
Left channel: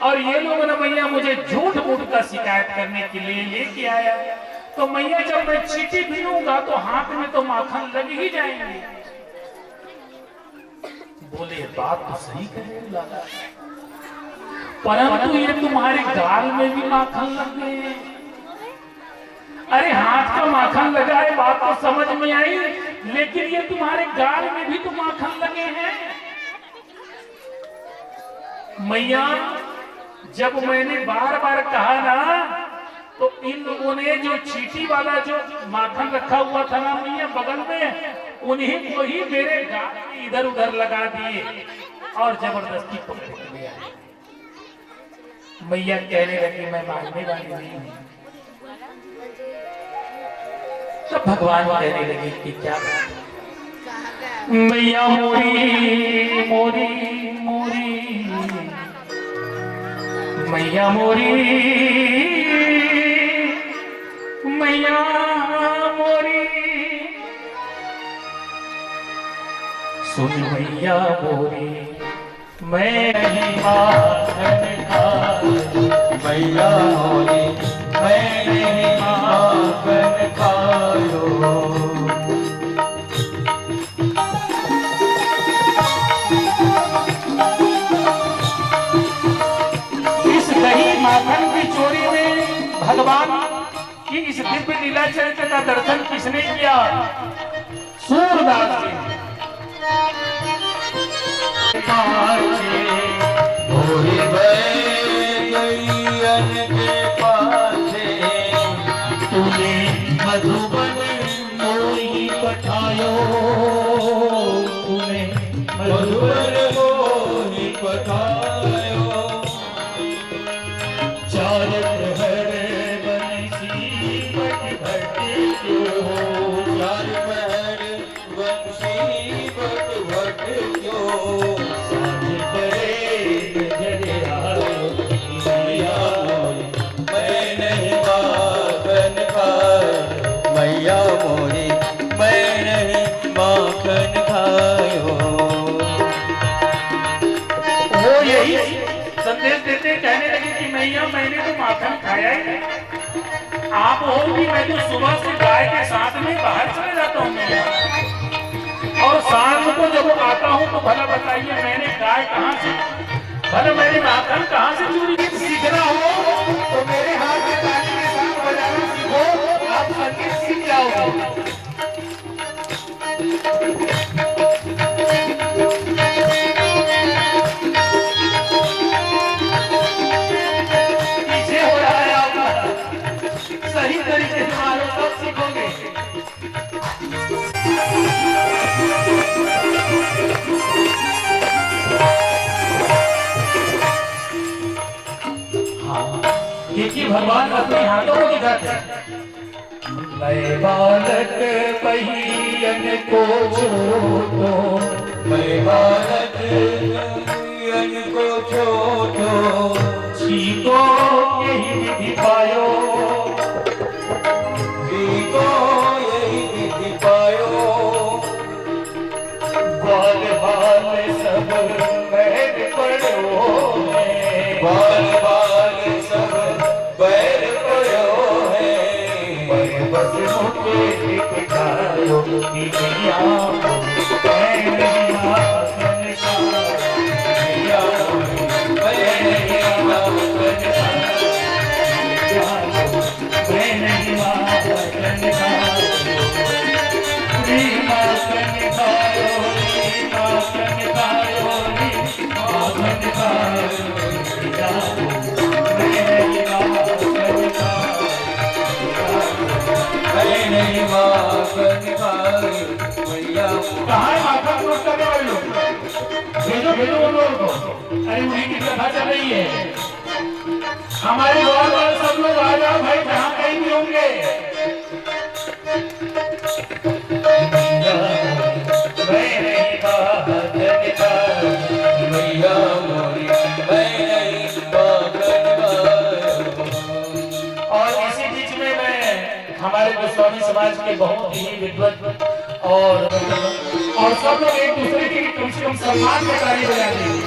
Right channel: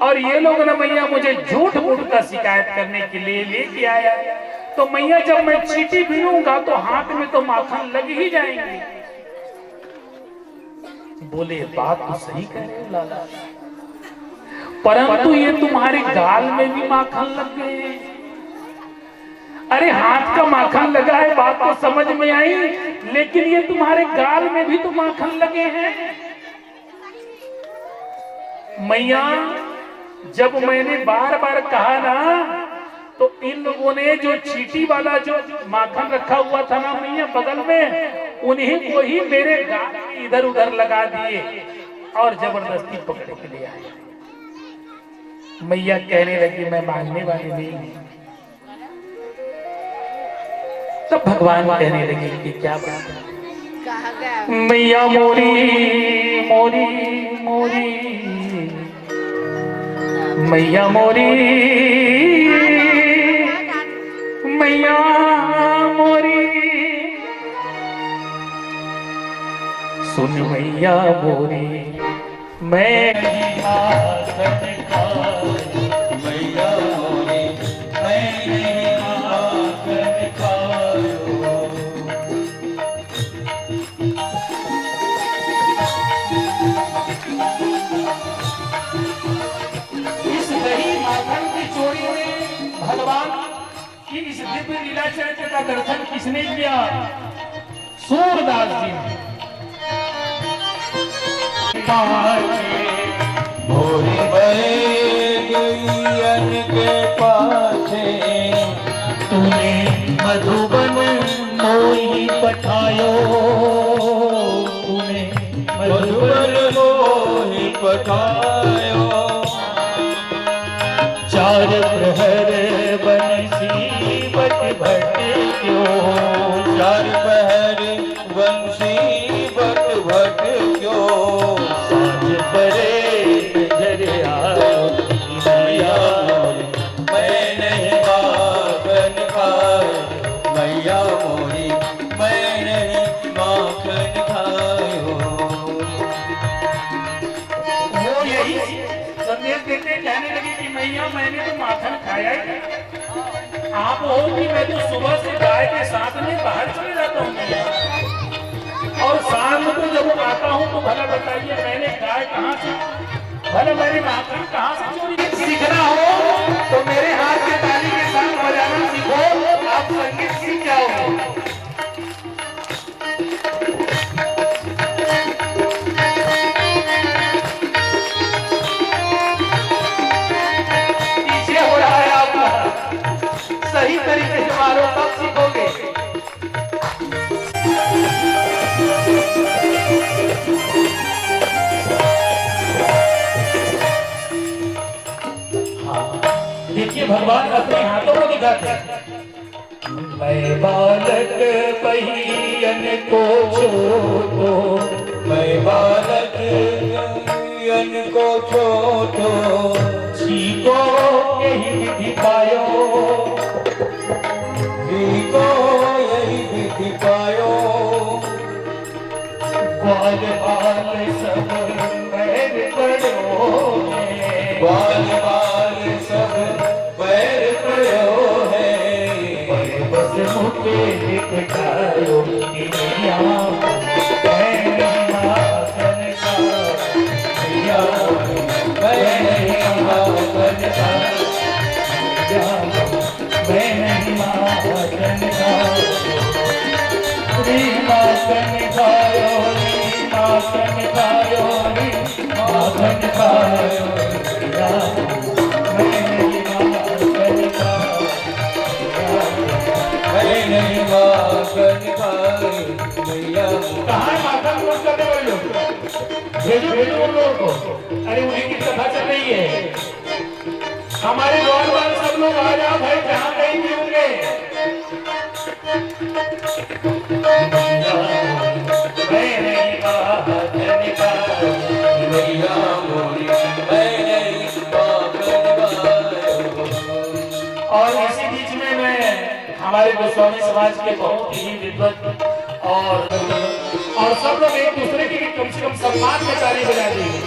और ये लोग ना मैया मुझे झूठ मूठ का शिकायत करने के लिए लेके आया। तो मैया जब मैं चीटी बीनूंगा तो हाथ में तो माखन लग ही जाएंगे। बोले बात तो सही कह रहे हो लाला, परंतु ये तुम्हारे गाल में भी माखन लग गए। अरे हाथ का माखन लगा है बात तो समझ में आई, लेकिन ये तुम्हारे गाल में भी तो माखन लगे हैं। मैया जब मैंने बार बार कहा ना, तो इन लोगों ने जो चीटी वाला जो माखन रखा हुआ था ना मैया बगल में, उन्हीं को ही मेरे गाल में इधर उधर लगा दिए और जबरदस्ती पकड़ के ले आए। मैया कहने लगी मैं मानने वाली नहीं हूं। तब भगवान कहने लगे कि क्या बात, मैया मोरी मोरी मोरी, मैया मोरी मैया मोरी, सुन मैया मोरी मैं नहीं माखन खाऊं, मैया मोरी मैं नहीं माखन खाऊं। इस दही माखन की चोरी में भगवान कि इस दिव्य लीला चरित्र का दर्शन किसने किया? सूरदास जी ने। के पासे तूने मधुबन मोही पठायो, तूने मधुबन मोही पठायो, चार प्रहर बंसी बट क्यों, चार प्रहर बंसी बट क्यों, साँझ परे नजर आयो मैया मैं नहीं माखन खायो, मैया मोरी मैं नहीं माखन खायो। वो यही संदेश देते कहने लगे कि मैया मैंने तो माखन खाया ही नहीं। आप हो कि मैं तो सुबह से गाय के साथ में बाहर चले जाता हूँ मैया, और शाम को जब आता हूँ तो भला बताइए मैंने गाय कहाँ से, भला मैंने माखन कहाँ से चोरी? सीखना हो तो मेरे हाथ में ताली के साथ बजाना सीखो, आप संगीत सीख जाओगे। पीछे हो रहा है आपका, सही तरीके से मारो तब सीखोगे। देखिए भगवान अपने हाथों को दिखाते हैं। मैं बालक पहियन को छोड़ो, मैं बालक पहियन को छोड़ो, सीखो यही विधि पायो, सीखो यही विधि पायो, बाल बाल सब बैर पड़ो, बाल बाल सब बैर पड़ो है, बस मुझे दिखायो कि मैया मैं नहीं माखन खाऊं, मैया मैं नहीं माखन खाऊं, मैं नहीं माखन खाऊं, माखन खायो माखन खायो माखन खायो, नहीं माखन खायो मैया। कहाँ माखन खोज करने वाले लोग? भेजो भेजो उन लोगों को। अरे उन्हीं की कथा चल रही है। हमारे द्वार वाले सब लोग आ जाओ भाई, जहाँ कहीं भी होंगे। मैं नहीं माखन खायो मैया मोरी मैं नहीं माखन खायो। और इसी बीच में मैं हमारे गोस्वामी समाज के बहुत ही विद्वान और सब लोग एक दूसरे की कम से कम सम्मान में ताली बजा देंगे।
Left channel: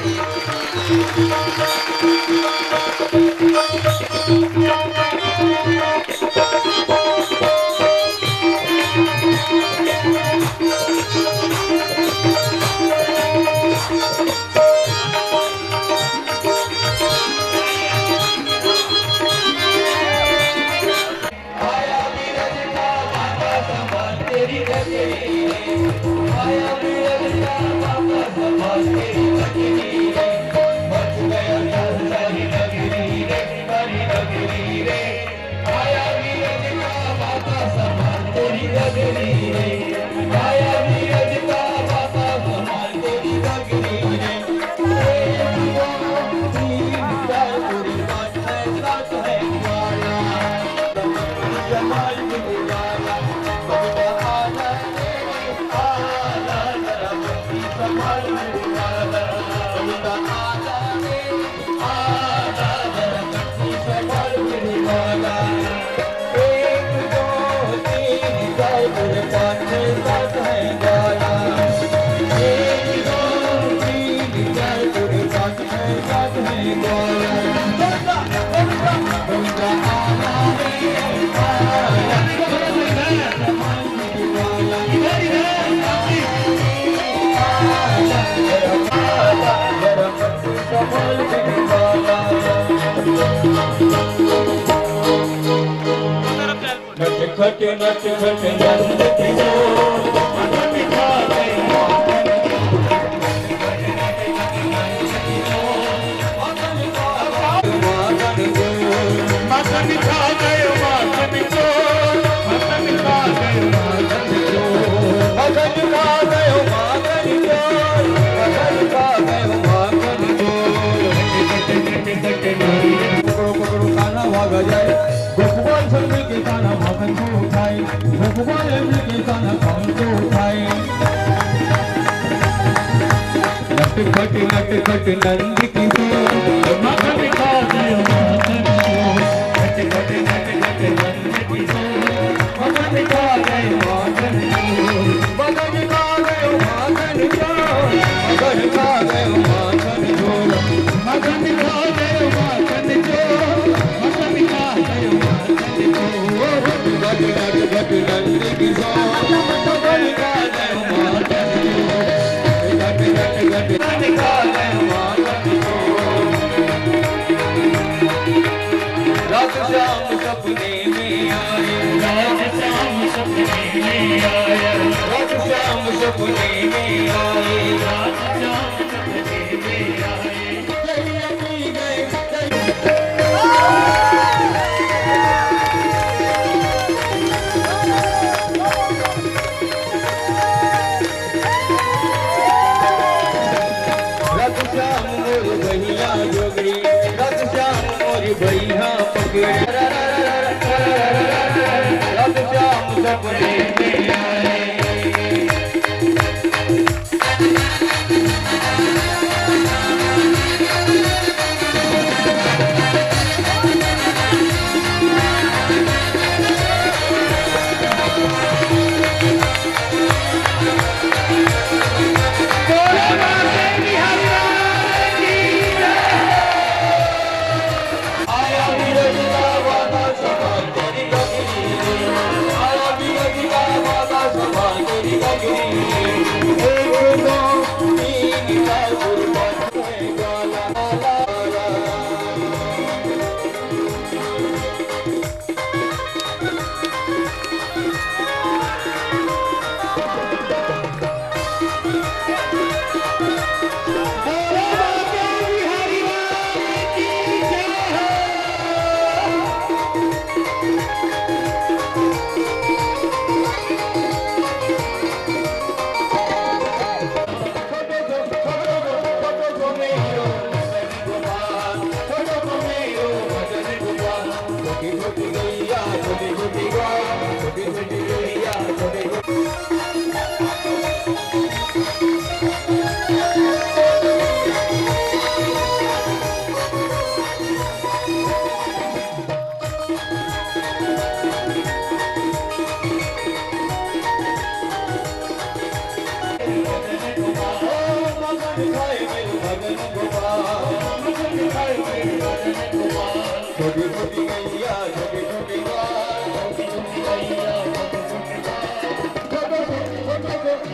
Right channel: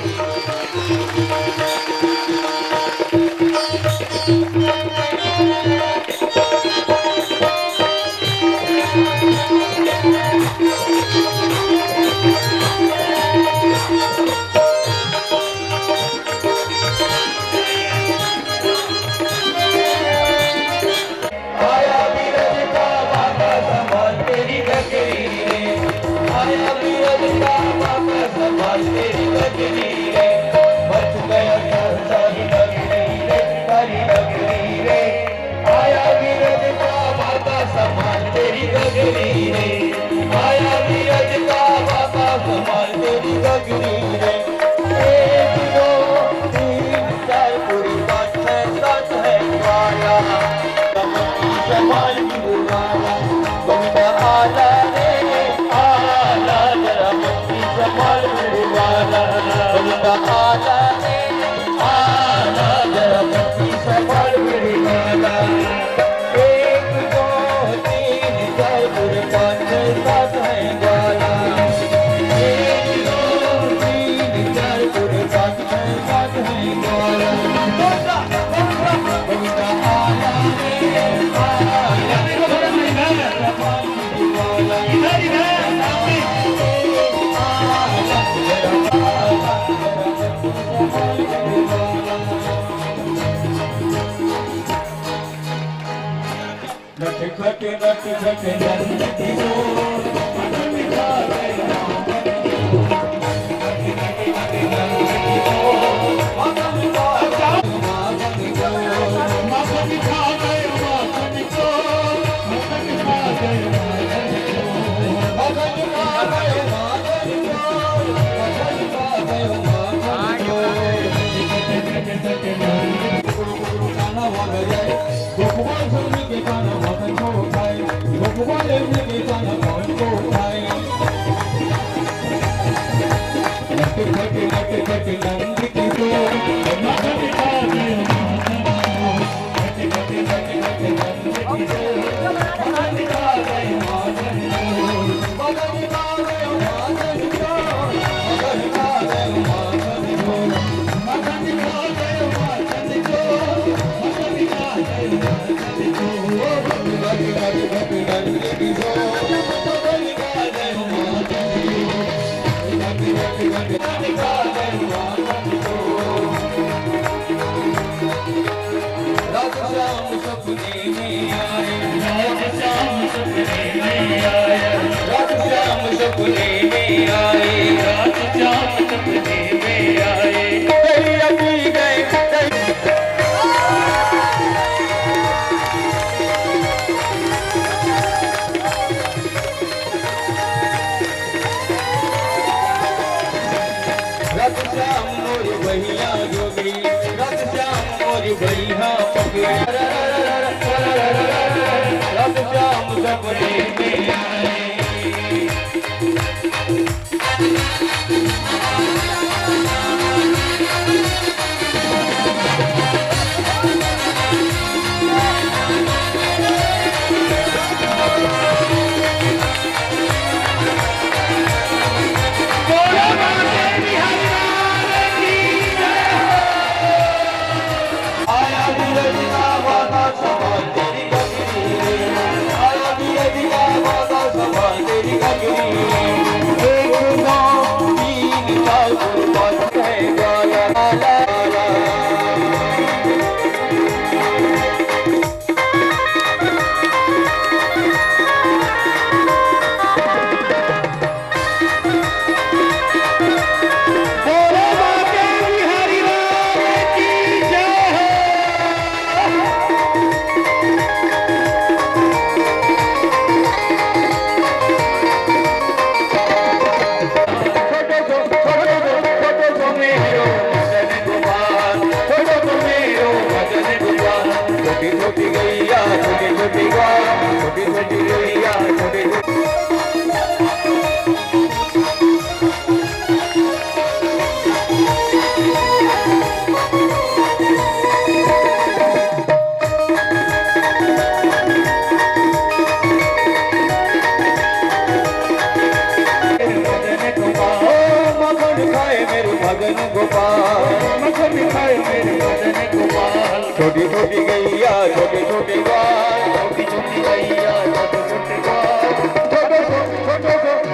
छोटी छोटी गैया छोटी छोटी गाय छोटी छोटी गैया छोटे छोटे गाय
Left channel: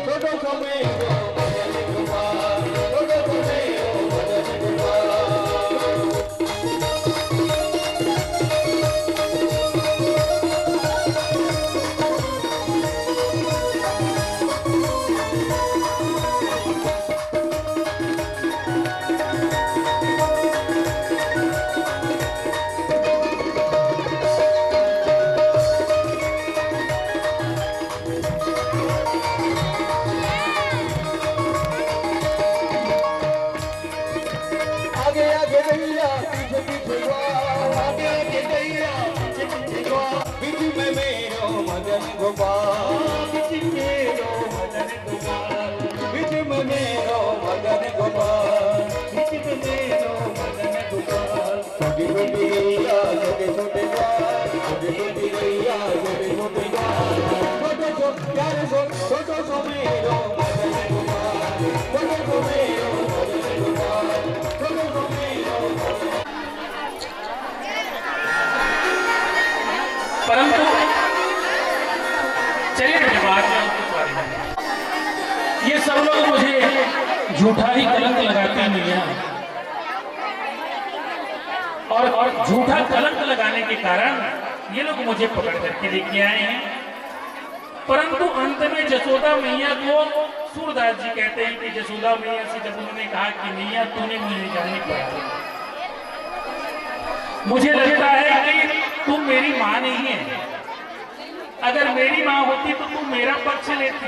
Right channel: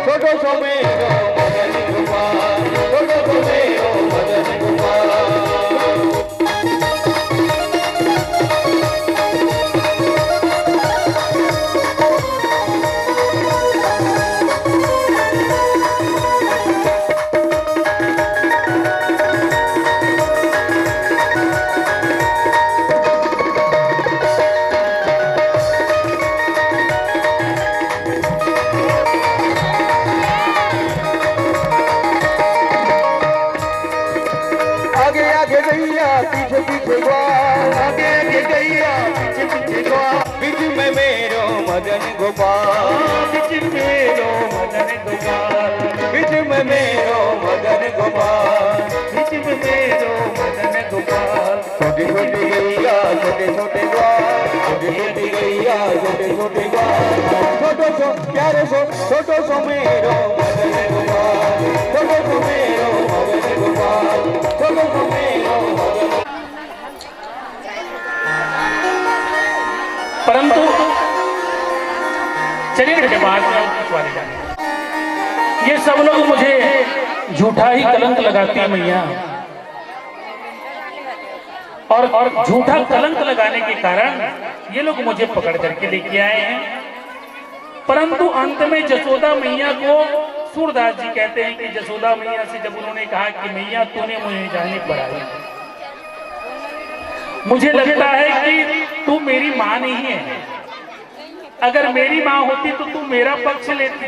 छोटो सो मेरो भजन गोपाल छोटो सो मेरो भजन गोपाल मदन गोपाल बिच मेरो मदन गोपाल बीच में मेरो मदन गोपाल बिच मेरो मदन गोपाल छोटी छोटी गैया छोटे छोटे बाल छोटी छोटी गैया छोटे छोटे बाल छोटो सो प्यारे सो छोटो सो मेरो मदन गोपाल छोटो सो मेरो मदन गोपाल छोटो सो मेरो परंतु चलिए के बाद ये सब लोग मुझे झूठा ही कलंक लगाते हैं मैया, और झूठा कलंक लगाने के कारण ये लोग मुझे पकड़ करके लेके आए हैं। परंतु अंत में जसोदा मैया को सूरदास जी कहते हैं कि जसोदा मैया से जब उन्होंने कहा कि मैया तूने मुझे जाने पर मुझे लगता है कि तू मेरी माँ नहीं है, अगर मेरी माँ होती तो तू मेरा पक्ष लेती,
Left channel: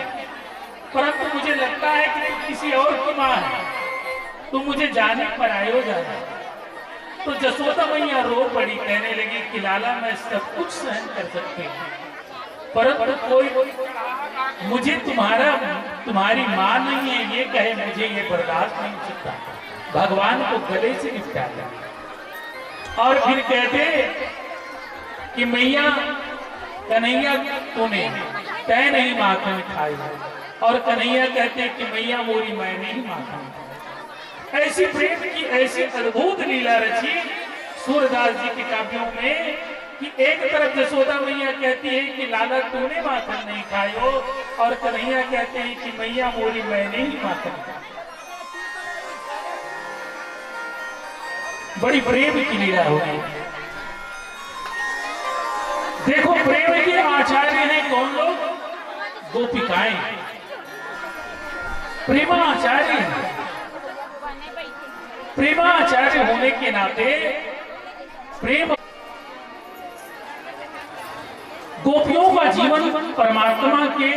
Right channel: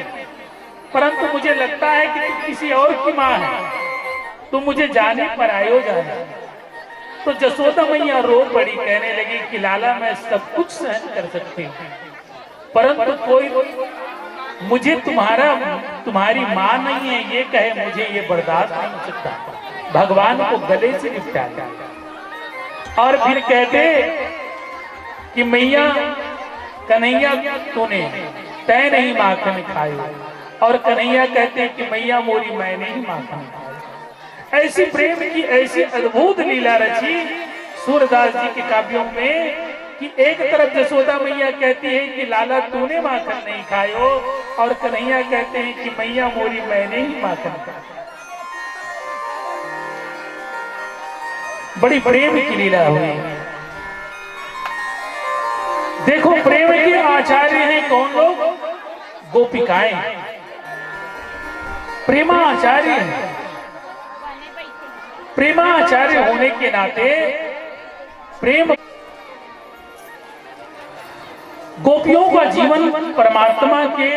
परंतु मुझे लगता है कि तू किसी और की माँ है, तू मुझे जाने पर आयो जाना। तो जसोदा मैया रो पड़ी, कहने लगी कि लाला मैं सब कुछ सहन कर सकती हूँ, परंतु कोई मुझे तुम्हारी माँ नहीं है ये कहे मुझे ये बर्दाश्त नहीं हो सकता। भगवान को गले से निपटाता और फिर कहते कि मैया कन्हैया तूने तय नहीं माखन खाई, और कन्हैया कहते कि मैया मोरी मैंने ही माखन खाई। ऐसी प्रेम की ऐसी अद्भुत लीला रची सूरदास जी के काव्यों में कि एक तरफ जसोदा मैया कहती है कि लाला तूने माखन नहीं खायो, और कन्हैया कहते हैं कि मैया मोरी मैंने ही माखन खाई। बड़ी प्रेम की लीला हुई। देखो प्रेम के आचार्य हैं कौन लोग? गोपिकाएं प्रेमाचार्य हैं। प्रेमाचार्य होने के नाते प्रेम गोपियों का जीवन परमात्मा के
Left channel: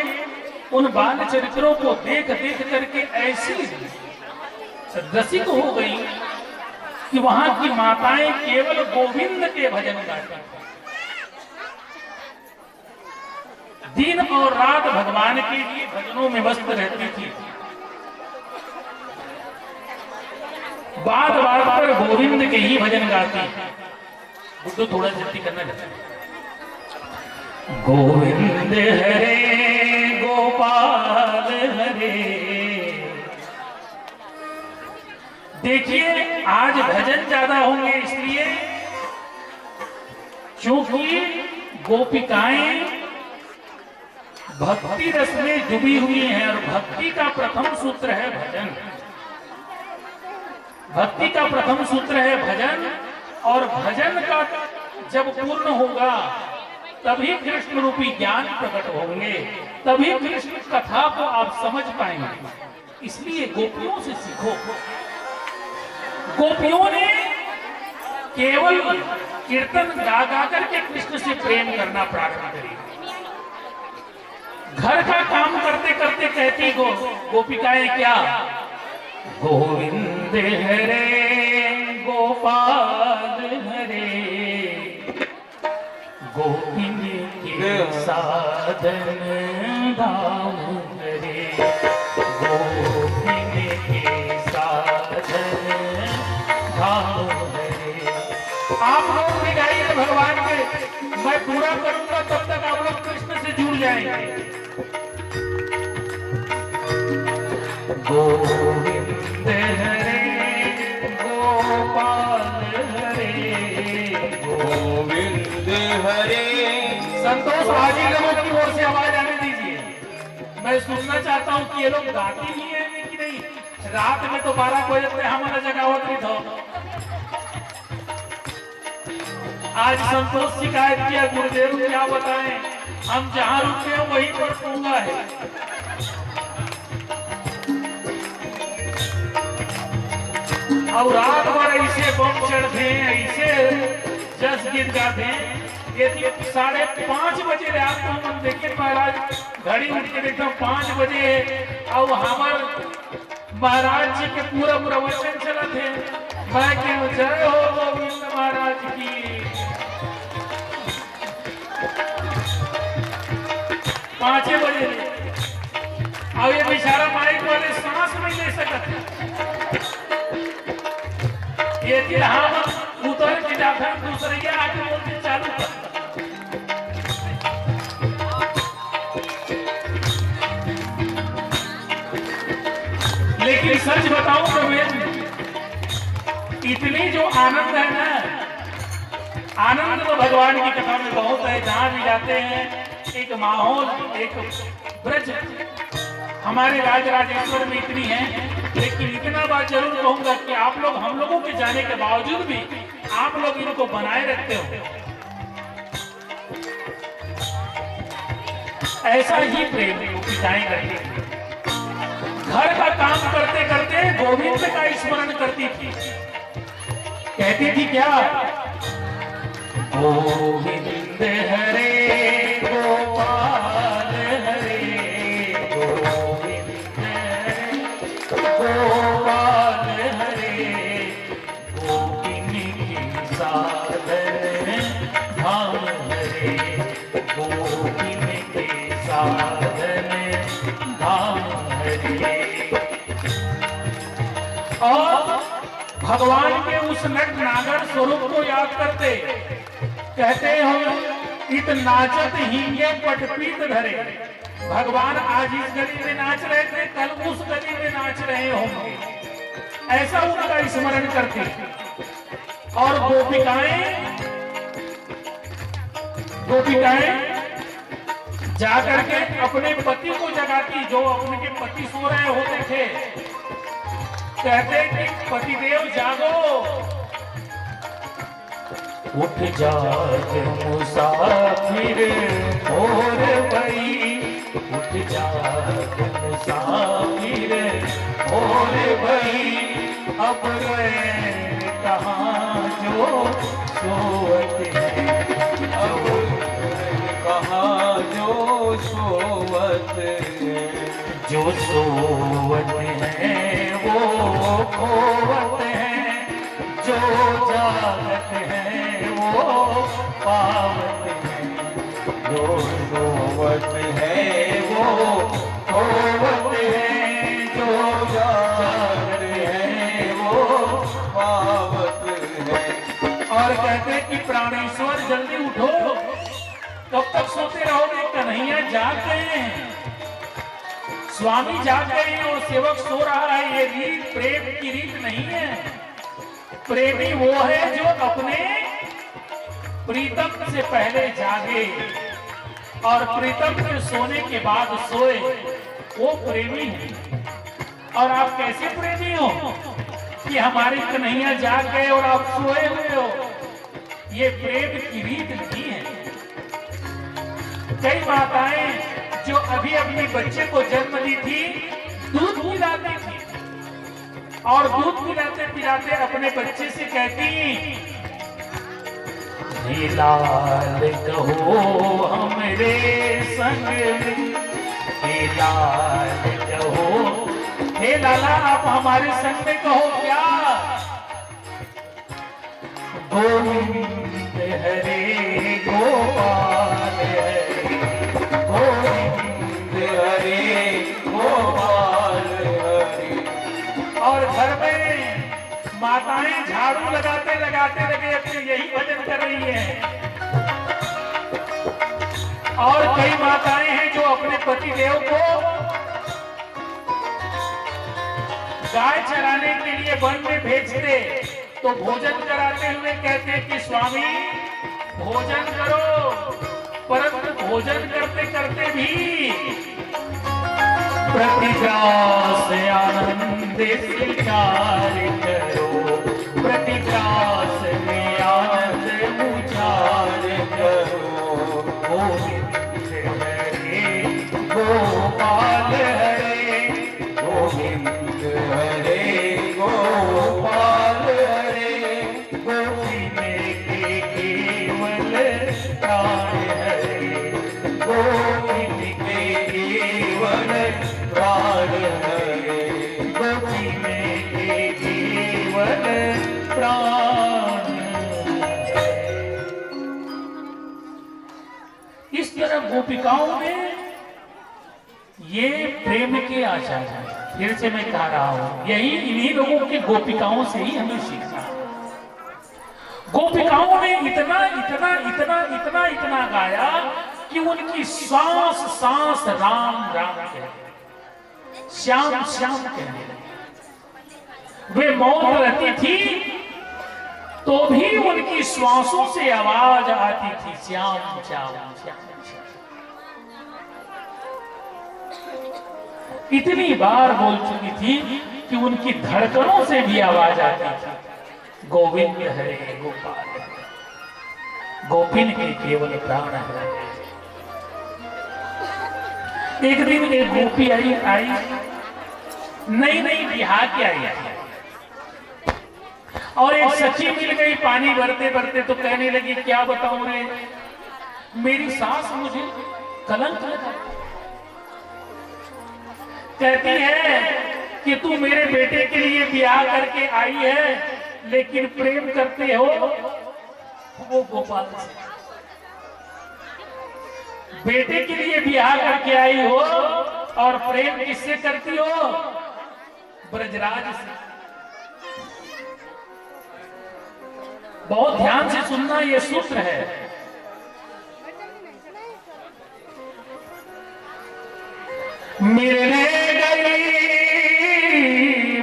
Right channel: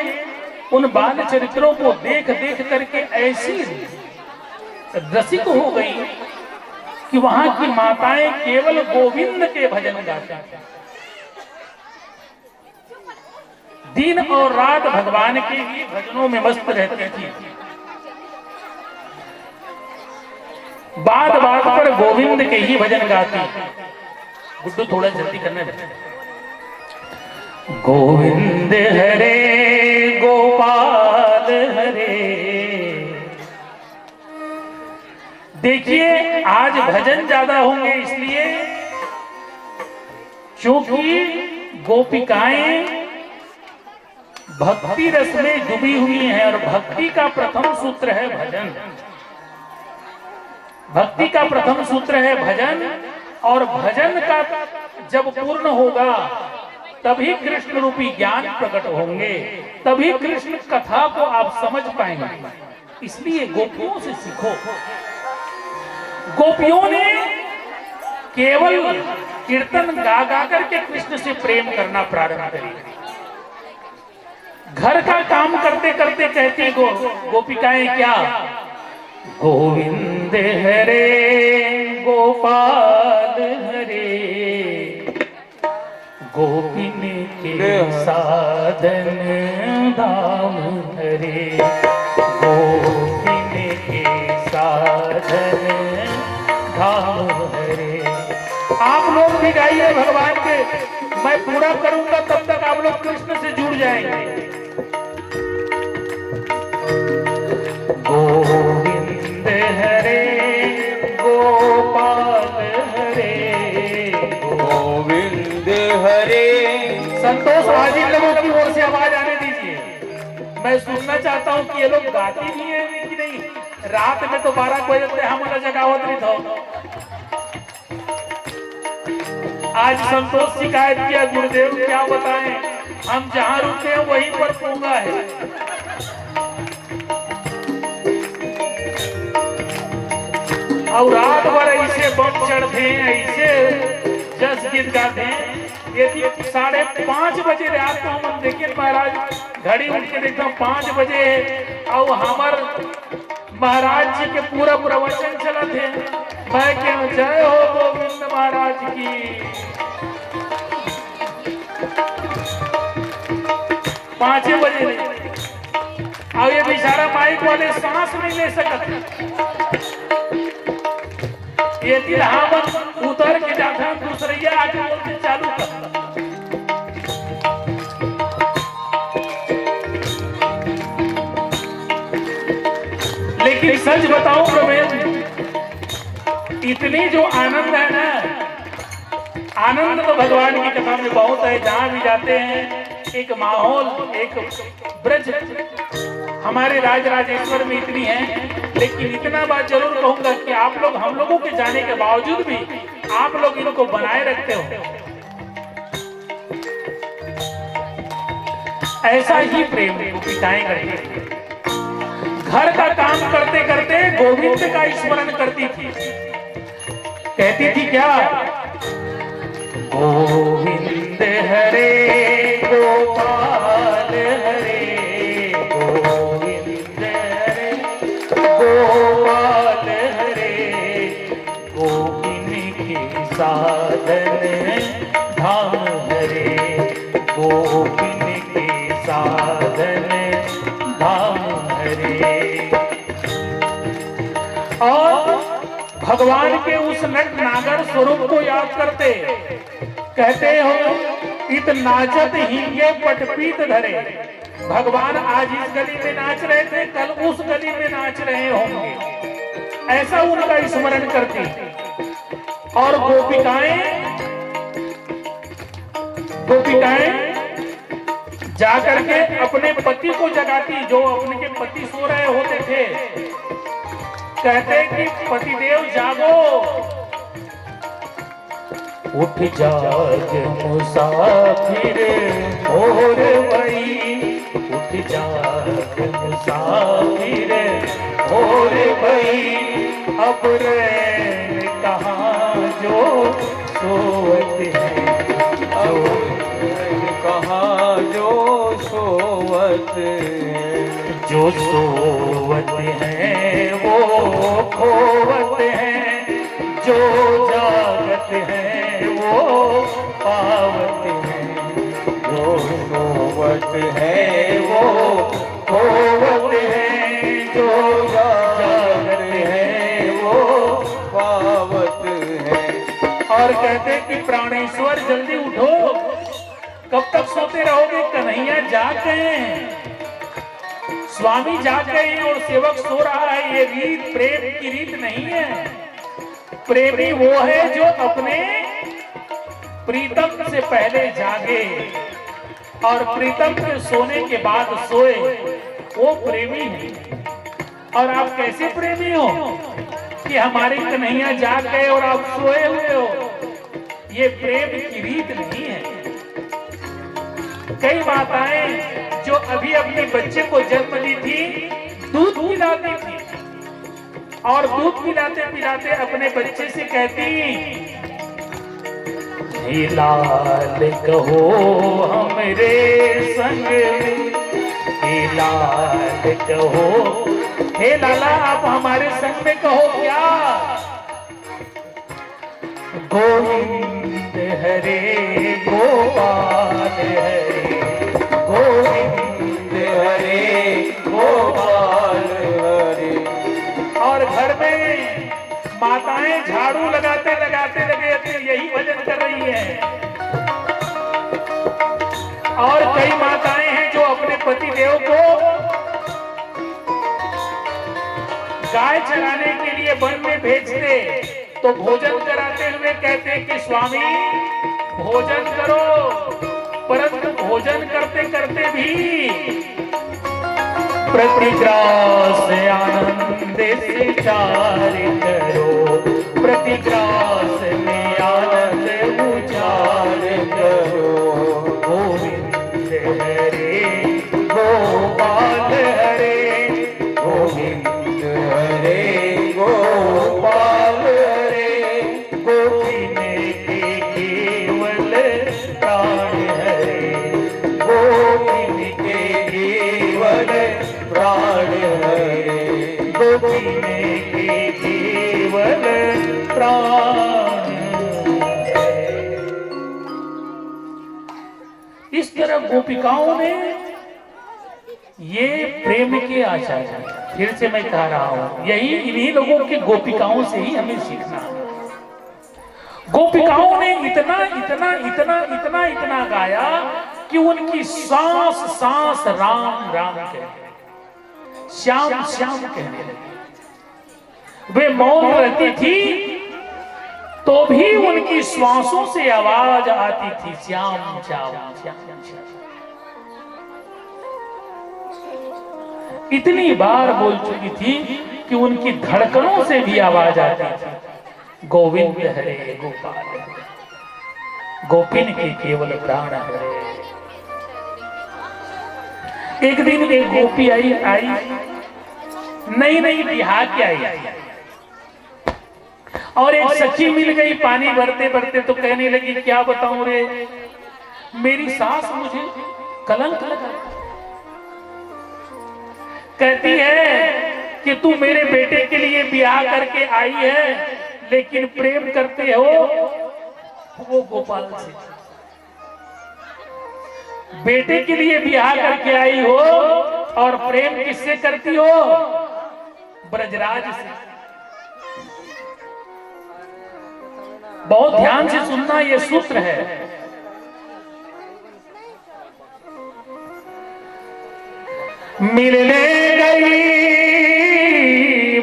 उन बाल चरित्रों को देख देख करके ऐसी रसिक हो गई कि वहां की माताएं केवल गोविंद के भजन गाती हैं, दिन और रात भगवान के लिए भजनों में मस्त रहती थी। बात बात पर गोविंद के ही भजन गाती। गुड्डू थोड़ा जल्दी करना है। गोविंद हरे गोपाल हरे। देखिए आज भजन ज्यादा होंगे इसलिए क्योंकि गोपिकाएं भक्ति रस में डूबी हुई हैं, और भक्ति का प्रथम सूत्र है भजन। भक्ति का प्रथम सूत्र है भजन, और भजन का जब पूर्ण होगा तभी कृष्ण रूपी ज्ञान प्रकट होंगे, तभी कृष्ण कथा को आप समझ पाएंगे। इसलिए गोपियों से सीखो। गोपियों ने केवल कीर्तन गा गा करके कृष्ण से प्रेम करना प्रारंभ करी। घर का काम करते करते कहते गोपिकाएं क्या? गोविंद हरे गोपाल हरे, गोपिन के साधन धाम हरे, गोपिन के साधन धाम हरे। आप लोग भी गाइए भगवान के, मैं पूरा करूंगा तब तक आप लोग कृष्ण से जुड़ जाएंगे। गोविंद हरे गोपाल हरे, गोविंद हरे। संतोष भाजी लोगों की ओर से आवाज आने दीजिए। मैं सुनना चाहता हूँ कि ये लोग गाती ही है कि नहीं। रात में तो 12 बजे तक हमारा जगावत नहीं था। आज संतोष शिकायत किया गुरुदेव क्या बताएं, हम जहाँ रुकते हैं वहीं पर पूंगा है। और रात भर ऐसे बम चढ़ते हैं, ऐसे जस गीत गाते हैं। यदि 5:30 बजे रात को हम देखे महाराज घड़ी उठ के देखता हूँ 5 बजे, और हमार महाराज जी के पूरा प्रवचन चलते हैं। मैं क्या जय हो गोविंद महाराज की। 5 बजे और ये बेचारा माइक वाले सांस नहीं ले सकते। ये हम उतर के जाते हैं दूसरे आके बोलते चालू कर। लेकिन सच बताऊं तो इतनी जो आनंद है ना, आनंद तो भगवान की कथा में बहुत है। जहां भी जाते हैं एक माहौल, एक ब्रज हमारे राजराजेश्वर में इतनी है। लेकिन इतना बात जरूर कहूंगा कि आप लोग हम लोगों के जाने के बावजूद भी आप लोग इनको बनाए रखते हो। ऐसा ही प्रेम पिताएं करती थी। घर का काम करते करते गोविंद का स्मरण करती थी। कहती थी क्या? गोविंद हरे गोपाल हरे, गोविंद हरे गोपाल हरे, गोपिनी की साधन धाम हरे, गोपिनी की साधन धाम हरे। और भगवान के उस नट नागर स्वरूप को याद करते कहते हो, इत नाचत हिंगे पटपीत धरे। भगवान आज इस गली में नाच रहे थे, कल उस गली में नाच रहे होंगे, ऐसा उनका स्मरण करती। और गोपिकाएं जाकर के अपने पति को जगाती, जो अपने के पति सो रहे होते थे। कहते कि पतिदेव जागो, उठ जाग मुसाफिर भोर भई, उठ जाग मुसाफिर भोर भई, अब रैन कहाँ जो सोवत है, अब रैन कहाँ जो सोवत है, जो सोवत है वो खोवत है, जो जागत है वो पावत है, जो सोवत है वो खोवत है, जो जागत है वो पावत है। और कहते कि प्राणेश्वर जल्दी उठो, कब तक सोते रहोगे? कन्हैया जाग गए हैं, स्वामी जाग गए हैं और सेवक सो रहा है। ये रीत प्रेम की रीत नहीं है। प्रेमी वो है जो अपने प्रीतम से पहले जागे और प्रीतम के सोने के बाद सोए, वो प्रेमी है। और आप कैसे प्रेमी हो कि हमारी कन्हैया जाग गए और आप सोए हुए हो? ये प्रेम की रीत नहीं है। कई माताएं जो अभी अपने बच्चे को जन्म दी थी, दूध पिलाती थी और दूध पिलाते पिलाते अपने बच्चे से कहती, हे लाल कहो हमरे संग, हे लाल कहो, हे लाला आप हमारे संग में कहो क्या? गोविंद हरे गोपाल हरे, गोविंद हरे गोपाल हरे। और घर में माताएं झाड़ू लगाते लगाते लगे अपने यही भजन कर रही हैं। और कई माताएं हैं जो अपने पति देव को गाय चराने के लिए वन में भेजते, तो भोजन कराते हुए कहते कि स्वामी भोजन करो, परंतु भोजन करते करते भी प्रतिग्रास आनंद से चार करो, प्रतिग्रास में आनंद उचार करो। गोविंद हरे गोपाल हरे, गोविंद हरे गोपाल हरे, गोविंद के केवल प्राण हरे, गोविंद के केवल प्राण हरे, गोविंद के केवल प्राण हरे। इस तरह गोपिकाओं ने ये प्रेम के आचार्य हैं। फिर से मैं कह रहा हूं, यही इन्हीं लोगों की गोपिकाओं से ही हमें सीखना है। गोपिकाओं ने इतना इतना इतना इतना इतना गाया कि उनकी सांस सांस राम राम कह, श्याम श्याम कहने लगे। वे मौन रहती थी तो भी उनकी श्वासों से आवाज आती थी, श्याम श्याम श्याम श्याम। इतनी बार बोल चुकी थी कि उनकी धड़कनों से भी आवाज आती थी, गोविंद हरे गोपाल, गोपिन के केवल प्राण हरे। एक दिन एक गोपी आई नई नई बिहार के आई और एक सखी मिल गई, पानी भरते भरते तो कहने लगी, क्या बताऊं रे, मेरी सास मुझे कलंक लगा। कहती है कि तू मेरे बेटे के लिए ब्याह करके आई है, लेकिन प्रेम करते हो वो गोपाल से। बेटे के लिए ब्याह करके आई हो और प्रेम किससे करती हो? ब्रजराज से। बहुत ध्यान से सुनना, ये सूत्र है। मिलने गई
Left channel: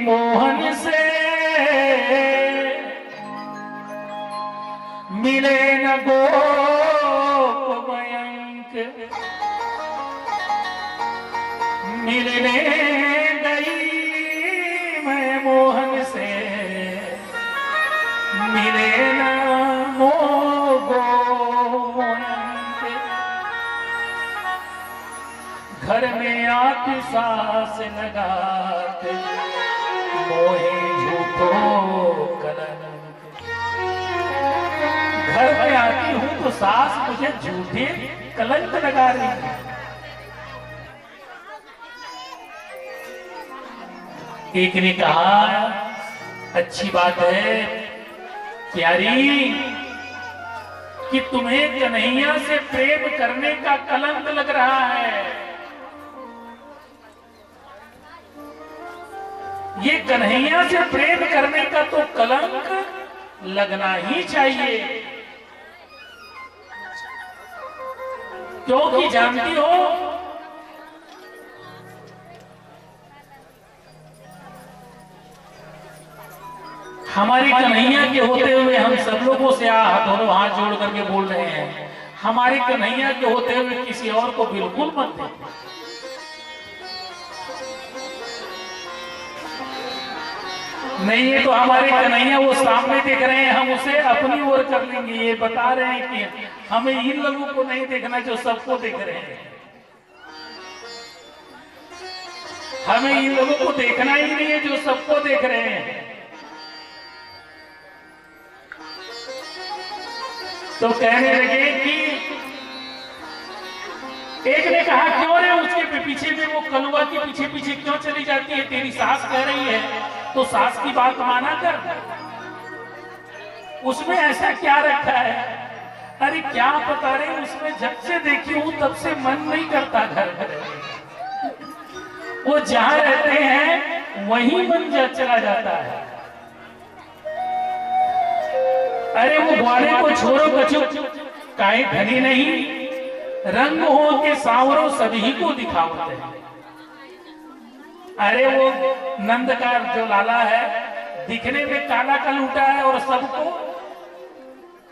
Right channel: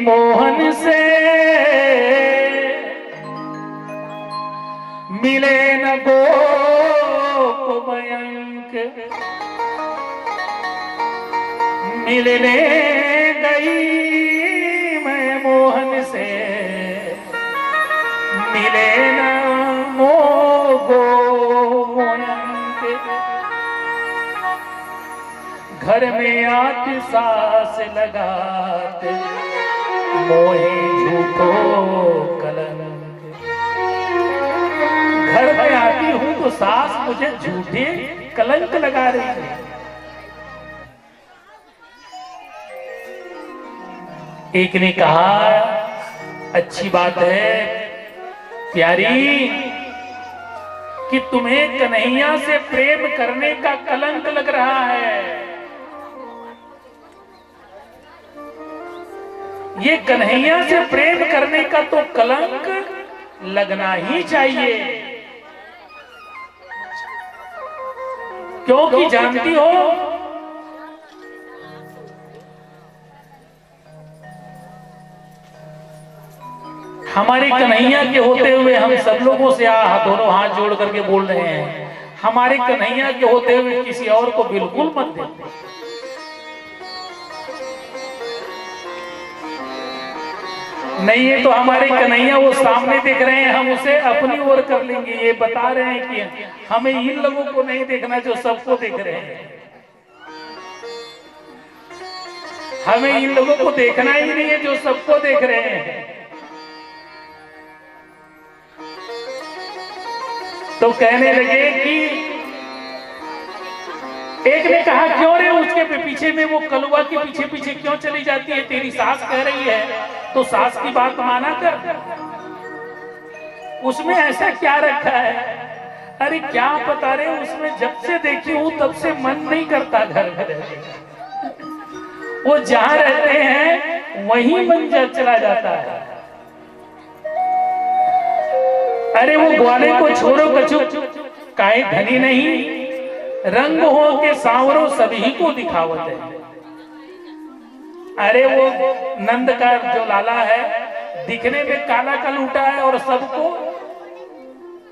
मोहन से, मिले न गोप मयंक, मिलने गई मैं मोहन से, मिले न गो मयंक। घर में आती सास लगाते, मोहे झूठो कलंक। घर में आती हूं तो सास मुझे झूठे कलंक लगा रही है। एक ने कहा, अच्छी बात है प्यारी कि तुम्हें कन्हैया से प्रेम करने का कलंक लग रहा है। ये कन्हैया से प्रेम करने का तो कलंक लगना ही चाहिए, क्योंकि जानती हो हमारी कन्हैया के होते हुए हम सब लोगों से दोनों हाथ जोड़ करके बोल रहे हैं, हमारी कन्हैया के होते हुए किसी और को बिल्कुल मत दे। नहीं है तो हमारे कन्हैया वो सामने देख रहे हैं, हम उसे अपनी ओर कर लेंगे। ये बता रहे हैं कि हमें इन लोगों को नहीं देखना जो सबको देख रहे हैं, हमें इन लोगों को देखना ही नहीं है जो सबको देख रहे हैं। तो कहने लगे कि एक ने कहा, क्यों रे उसके पीछे में, वो कलुआ के पीछे पीछे क्यों चली जाती है? तेरी सास कह रही है तो सास की बात माना कर, उसमें ऐसा क्या रखा है? अरे क्या पता रे, उसमें जब से देखी हूं तब से मन नहीं करता घर घर। वो जहां रहते हैं वहीं मन चला जाता है। अरे वो ग्वाले को छोड़ो कछु, काहे धनी नहीं, रंग हो के सांवरो सभी को दिखावत है। अरे वो नंद का जो लाला है दिखने में काला का लूटा है और सबको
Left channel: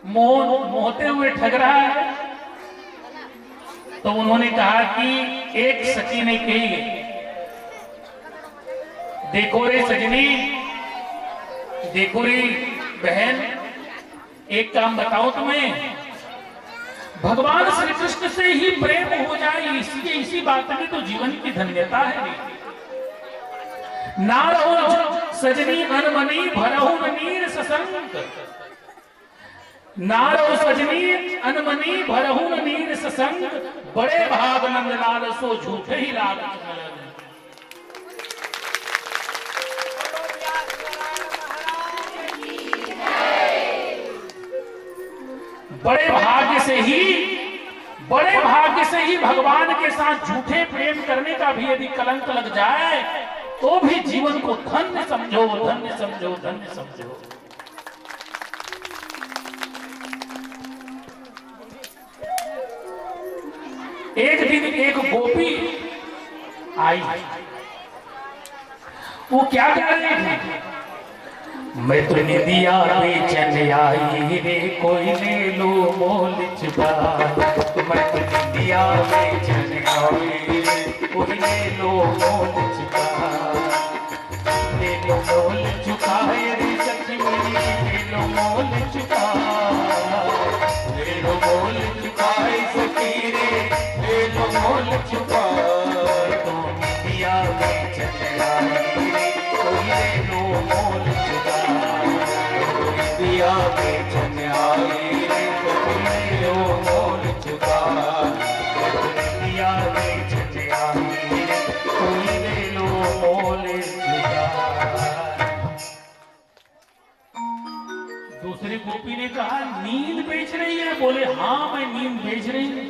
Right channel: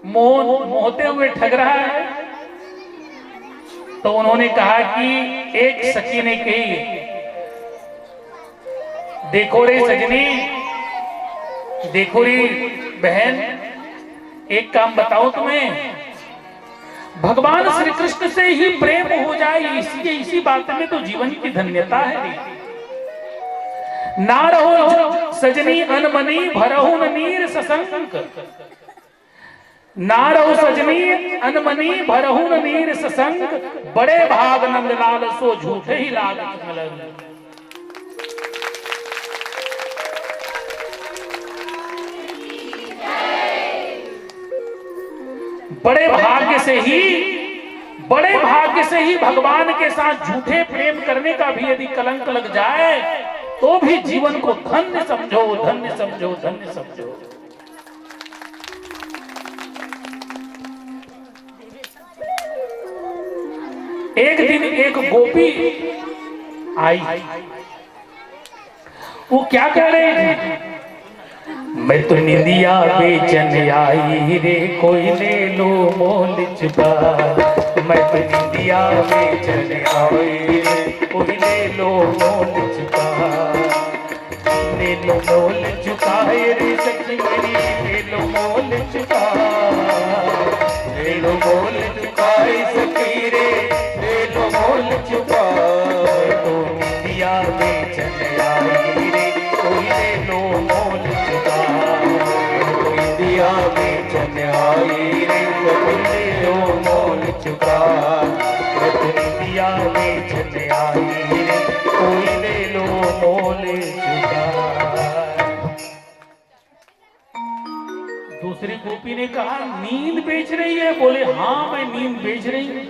मोहते हुए ठग रहा है। तो उन्होंने कहा कि एक सखी ने कही, देखो रे सजनी, देखो रे बहन, एक काम बताओ तुम्हें, भगवान श्री कृष्ण से ही प्रेम हो जाए, इसी बात में तो जीवन की धन्यता है। ना रहो सजनी अनमनी भरहु नीर ससंग, ना रहो सजनी अनमनी भरहु नीर ससंग, बड़े भाग नंदलाल सो झूठे ही लाग मिलन। बड़े भाग्य से ही बड़े भाग्य से ही भगवान के साथ झूठे प्रेम करने का भी यदि कलंक लग जाए तो भी जीवन को धन्य समझो, धन्य समझो, धन्य समझो। एक दिन एक गोपी आई, वो क्या कह रही थी? मैं तो निंदिया बेचन आई रे, कोई ले लो मोल चुका। मैं तो निंदिया बेचन आई रे, कोई ले लो मोल चुका। ले लो मोल चुका रे सखी मेरी, ले लो मोल चुका। ले लो मोल चुका सखी रे, ले लो मोल चुका। तो निंदिया बेचन आई रे, कोई ले लो मोल चुका। निंदिया बेचन आई रे, कोई ले लो मोल चुका। निंदिया बेचन आई रे, कोई ले लो मोल चुका। दूसरी गोपी ने कहा नींद बेच रही है? बोले हाँ मैं नींद बेच रही हूं।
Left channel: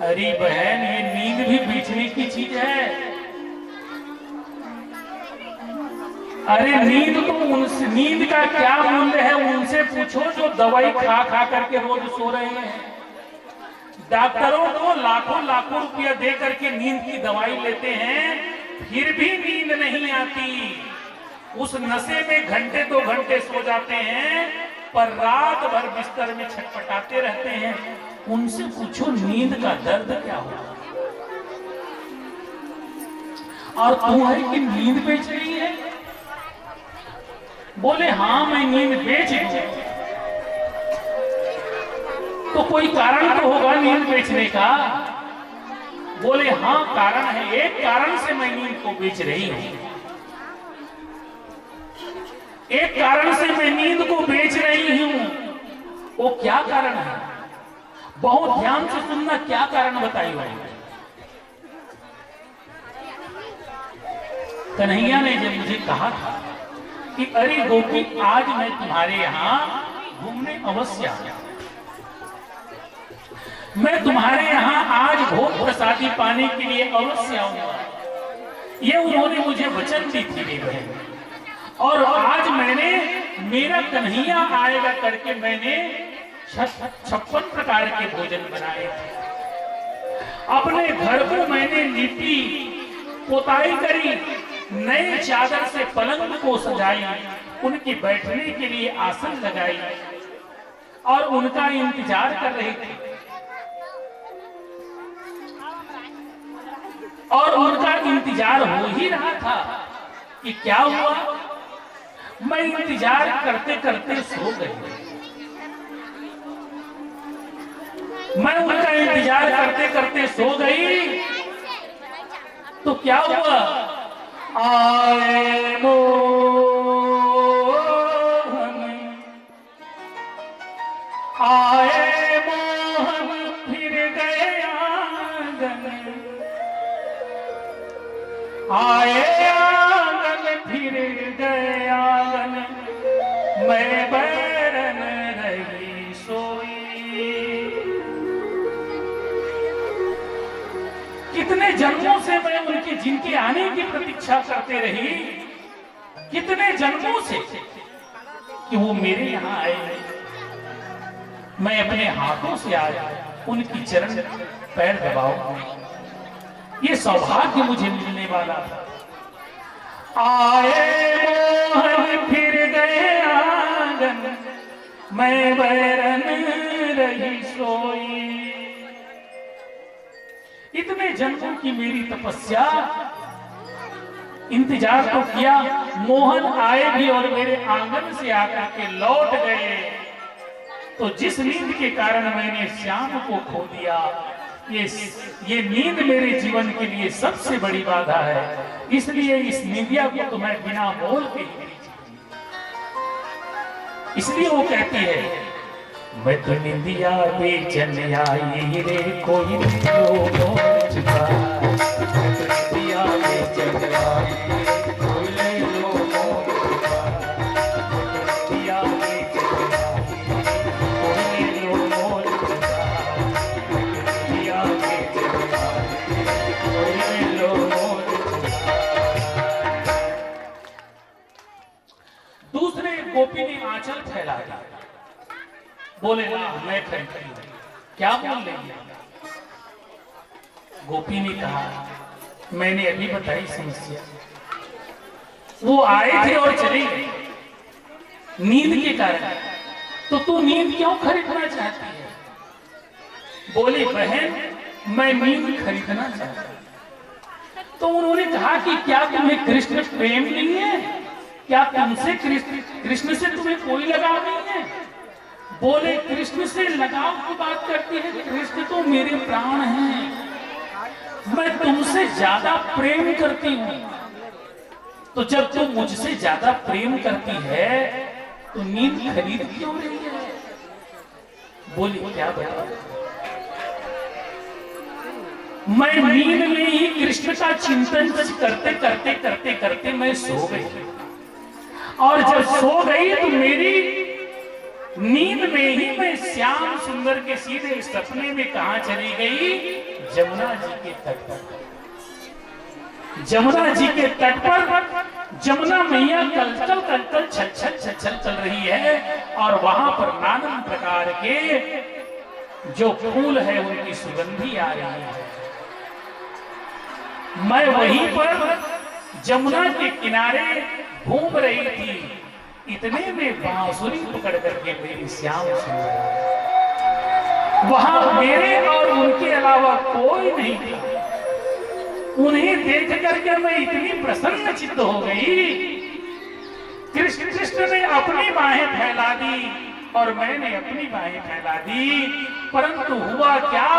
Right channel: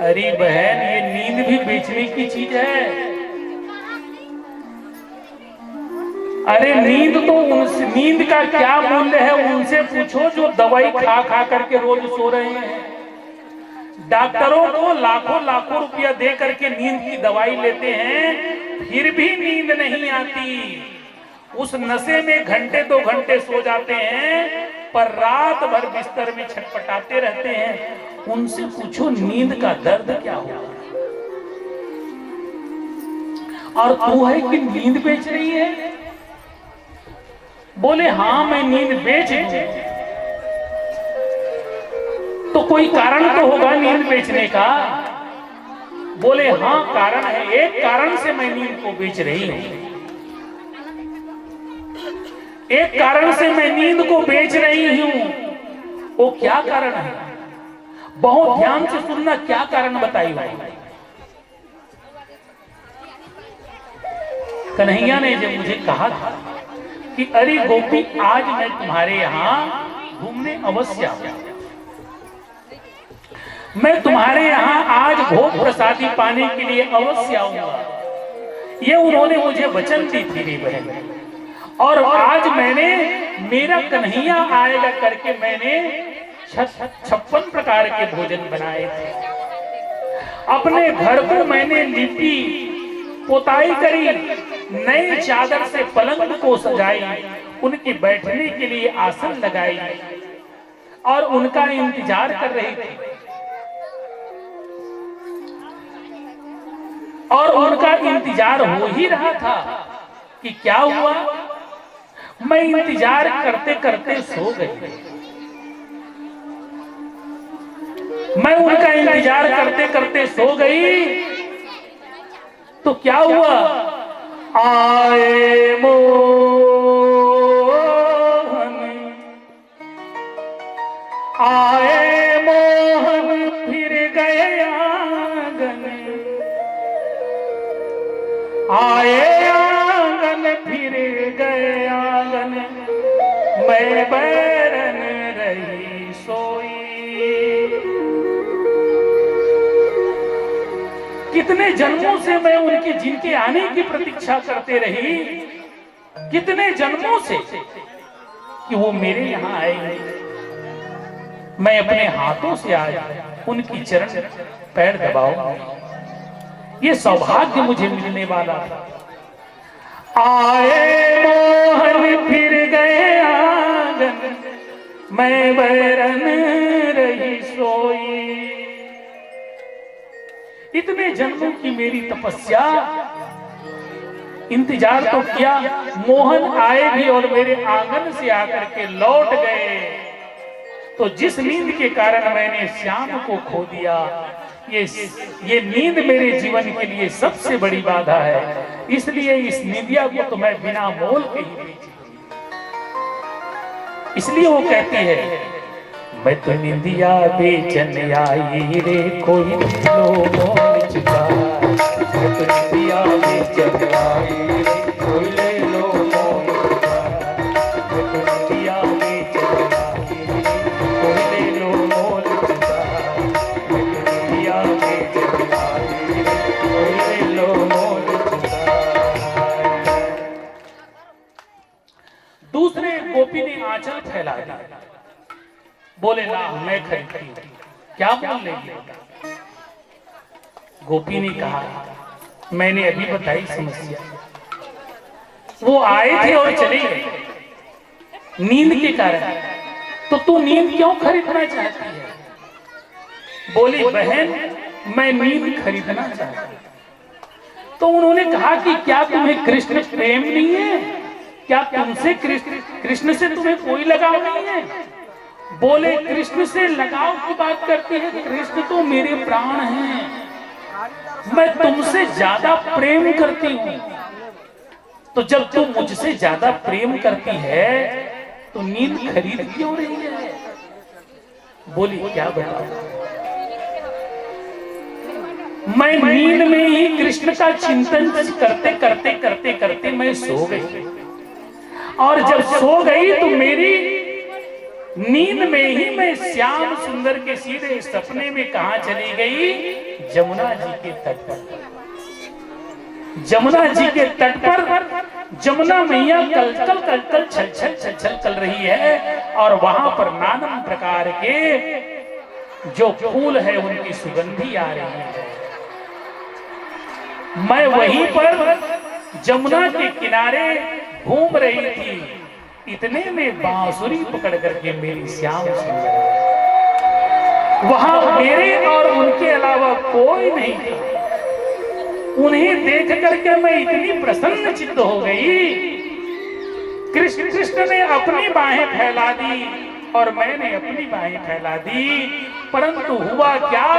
अरे बहन, ये नींद भी बेचने की चीज है। अरे नींद तो उनसे, नींद का क्या मूल्य है उनसे पूछो जो दवाई खा खा करके रोज सो रहे हैं। डॉक्टरों को लाखों लाखों रुपया दे करके नींद की दवाई लेते हैं, फिर भी नींद नहीं आती। उस नशे में घंटे 2 घंटे सो जाते हैं, पर रात भर बिस्तर में छटपटाते रहते हैं। उनसे पूछो नींद का दर्द क्या होगा। और तू है कि नींद बेच रही है? बोले हाँ मैं नींद बेच रही हूं। तो कोई कारण तो होगा नींद बेचने का। बोले हाँ कारण है, एक कारण से मैं नींद को बेच रही हूं। एक कारण से मैं नींद को बेच रही हूं। वो क्या कारण है? बहुत ध्यान से सुनना, क्या कारण बताई भाई। कन्हैया ने जब मुझे कहा था कि अरे गोपी आज मैं तुम्हारे यहां घूमने अवश्य आया, मैं तुम्हारे यहां आज भोग प्रसादी पाने के लिए अवश्य आऊंगा, ये उन्होंने मुझे वचन दी थी मेरी बहन। और आज मैंने, मेरा कन्हैया आएगा करके मैंने 56 प्रकार के भोजन बनाए थे। अपने घर को मैंने लिपी पोताई करी, नई चादर से पलंग को सजाई, उनके बैठने के लिए आसन लगाई और उनका इंतजार कर रही थी। और उनका इंतजार हो ही रहा था कि क्या हुआ, मैं इंतजार करते करते सो गई। मैं उनका इंतजार करते करते सो गई तो क्या हुआ, आए मोहन फिर गए आंगन, आए आंगन फिर गए आंगन, मैं बैरन रही सोई। कितने जन्मों से मैं उनके, जिनके आने की प्रतीक्षा करते रही, कितने जन्मों से कि वो मेरे यहाँ आए नहीं। मैं अपने हाथों से आज उनकी चरण पैर दबाऊं, ये सौभाग्य मुझे मिलने वाला था। आए मोहन फिर गए आंगन, मैं बैरन रही सोई। इतने जन्मों की मेरी तपस्या, इंतजार तो किया, मोहन आए भी और मेरे आंगन से आकर के लौट गए। तो जिस नींद के कारण मैंने श्याम को खो दिया, ये नींद मेरे जीवन के लिए सबसे बड़ी बाधा है। इसलिए इस निंदिया को तो मैं बिना मोल के ही बेच। इसलिए वो कहती है, मैं तो निंदिया बेचन आई रे, कोई लो मोल चुका। मैं तो निंदिया बेचन आई रे, कोई ले लो मोल चुका। मैं तो निंदिया बेचन आई रे, कोई ले लो मोल चुका। ले लो मोर चुराए। दूसरे गोपी ने आंचल फैला दिया, बोले ना मैं खरीदती हूं, क्या बोल लेंगे? गोपी ने कहा मैंने अभी बताई समस्या, वो आए थे और चले गए नींद के कारण, तो तू नींद क्यों खरीदना चाहती है? बोली बहन मैं नींद खरीदना चाहती हूं। तो उन्होंने कहा कि क्या तुम्हें कृष्ण प्रेम नहीं है? क्या तुमसे कृष्ण से तुम्हें कोई लगाव नहीं है? बोले कृष्ण से लगाव की बात करती है, कृष्ण तो मेरे प्राण हैं, मैं तुमसे ज्यादा प्रेम करती हूं। तो जब तुम मुझसे ज्यादा प्रेम करती है तो नींद खरीद क्यों रही है? बोली क्या बताऊं, मैं नींद में ही कृष्ण का चिंतन करते करते करते करते मैं सो गई, और जब सो गई तो मेरी नींद में ही मैं श्याम सुंदर के सीधे सपने में कहां चली गई? जमुना जी के तट पर। जमुना जी के तट पर जमुना मैया कलकल कलकल छल छल छल छल चल रही है, और वहां पर नाना प्रकार के जो फूल है उनकी सुगंधी आ रही है। मैं वहीं पर जमुना के किनारे घूम रही थी, इतने में बांसुरी पकड़ करके मेरी श्याम सुंदर, वहां मेरे और उनके अलावा कोई नहीं था। उन्हें देख करके मैं इतनी प्रसन्न चित्त हो गई। कृष्ण ने अपनी बाहें फैला दी और मैंने अपनी बाहें फैला दी, परंतु हुआ क्या,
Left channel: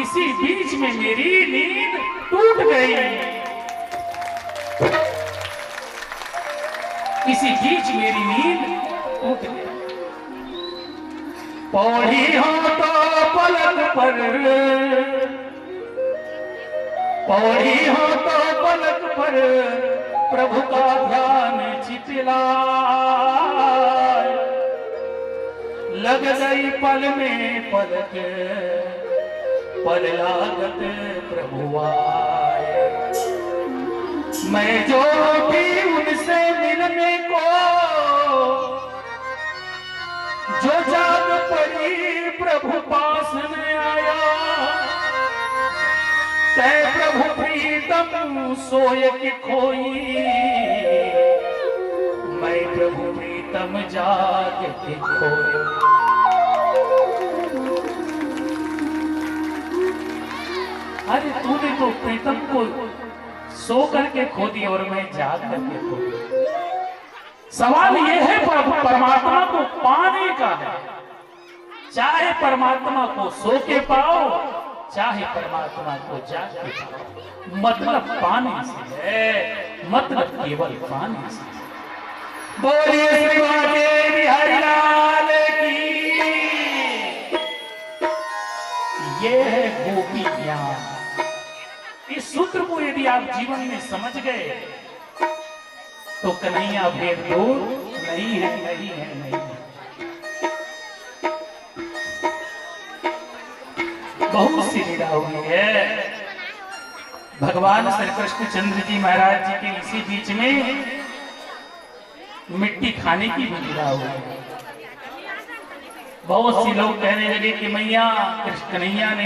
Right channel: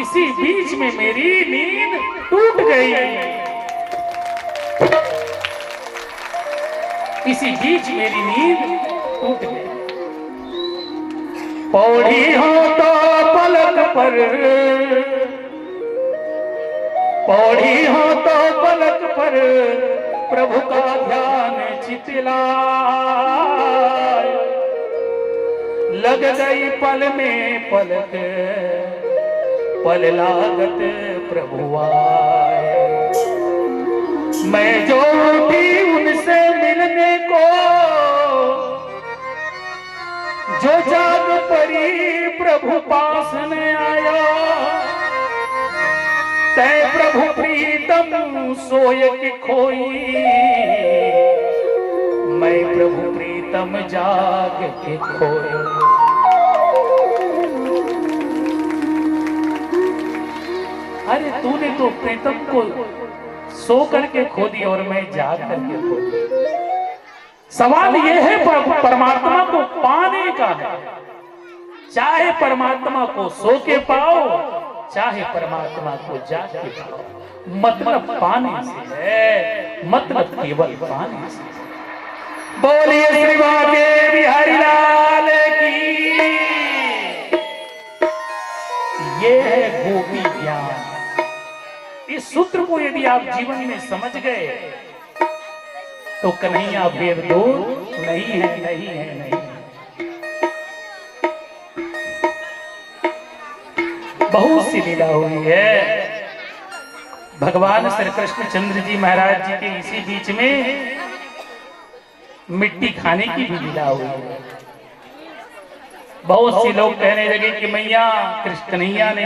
इसी बीच में मेरी नींद टूट गई। इसी बीच मेरी नींद टूट गई। पौड़ी हो तो पलक पर, पौड़ी हो तो पलक पर प्रभु का ध्यान चितलाए, लग गई पल में पलक पल लागत प्रभु आए। मैं जो भी उनसे मिलने को जो जाग पड़ी प्रभु पास न आया, तय प्रभु प्रीतम सोय की खोई, मैं प्रभु प्रीतम जाग के खोई। अरे तूने तो प्रीतम को सो करके खो दिया और मैं जाग करके खो दिया। सवाल यह है परमात्मा को पाने का है, चाहे परमात्मा को सो के पाओ चाहे परमात्मा को जाग के पाओ, मतलब पाने से है, मतलब केवल पाने से। बोलिए श्री बांके बिहारी लाल की। ये है गोपी ज्ञान। इस सूत्र को यदि आप जीवन में समझ गए तो कन्हैया भेद दूर नहीं है, नहीं है, नहीं है। बहुत सी लीला हुई है। भगवान श्री कृष्ण चंद्र जी महाराज जी के इसी बीच में मिट्टी खाने की भी लीला हुई है। बहुत से लोग कहने लगे कि मैया कृष्ण कन्हैया ने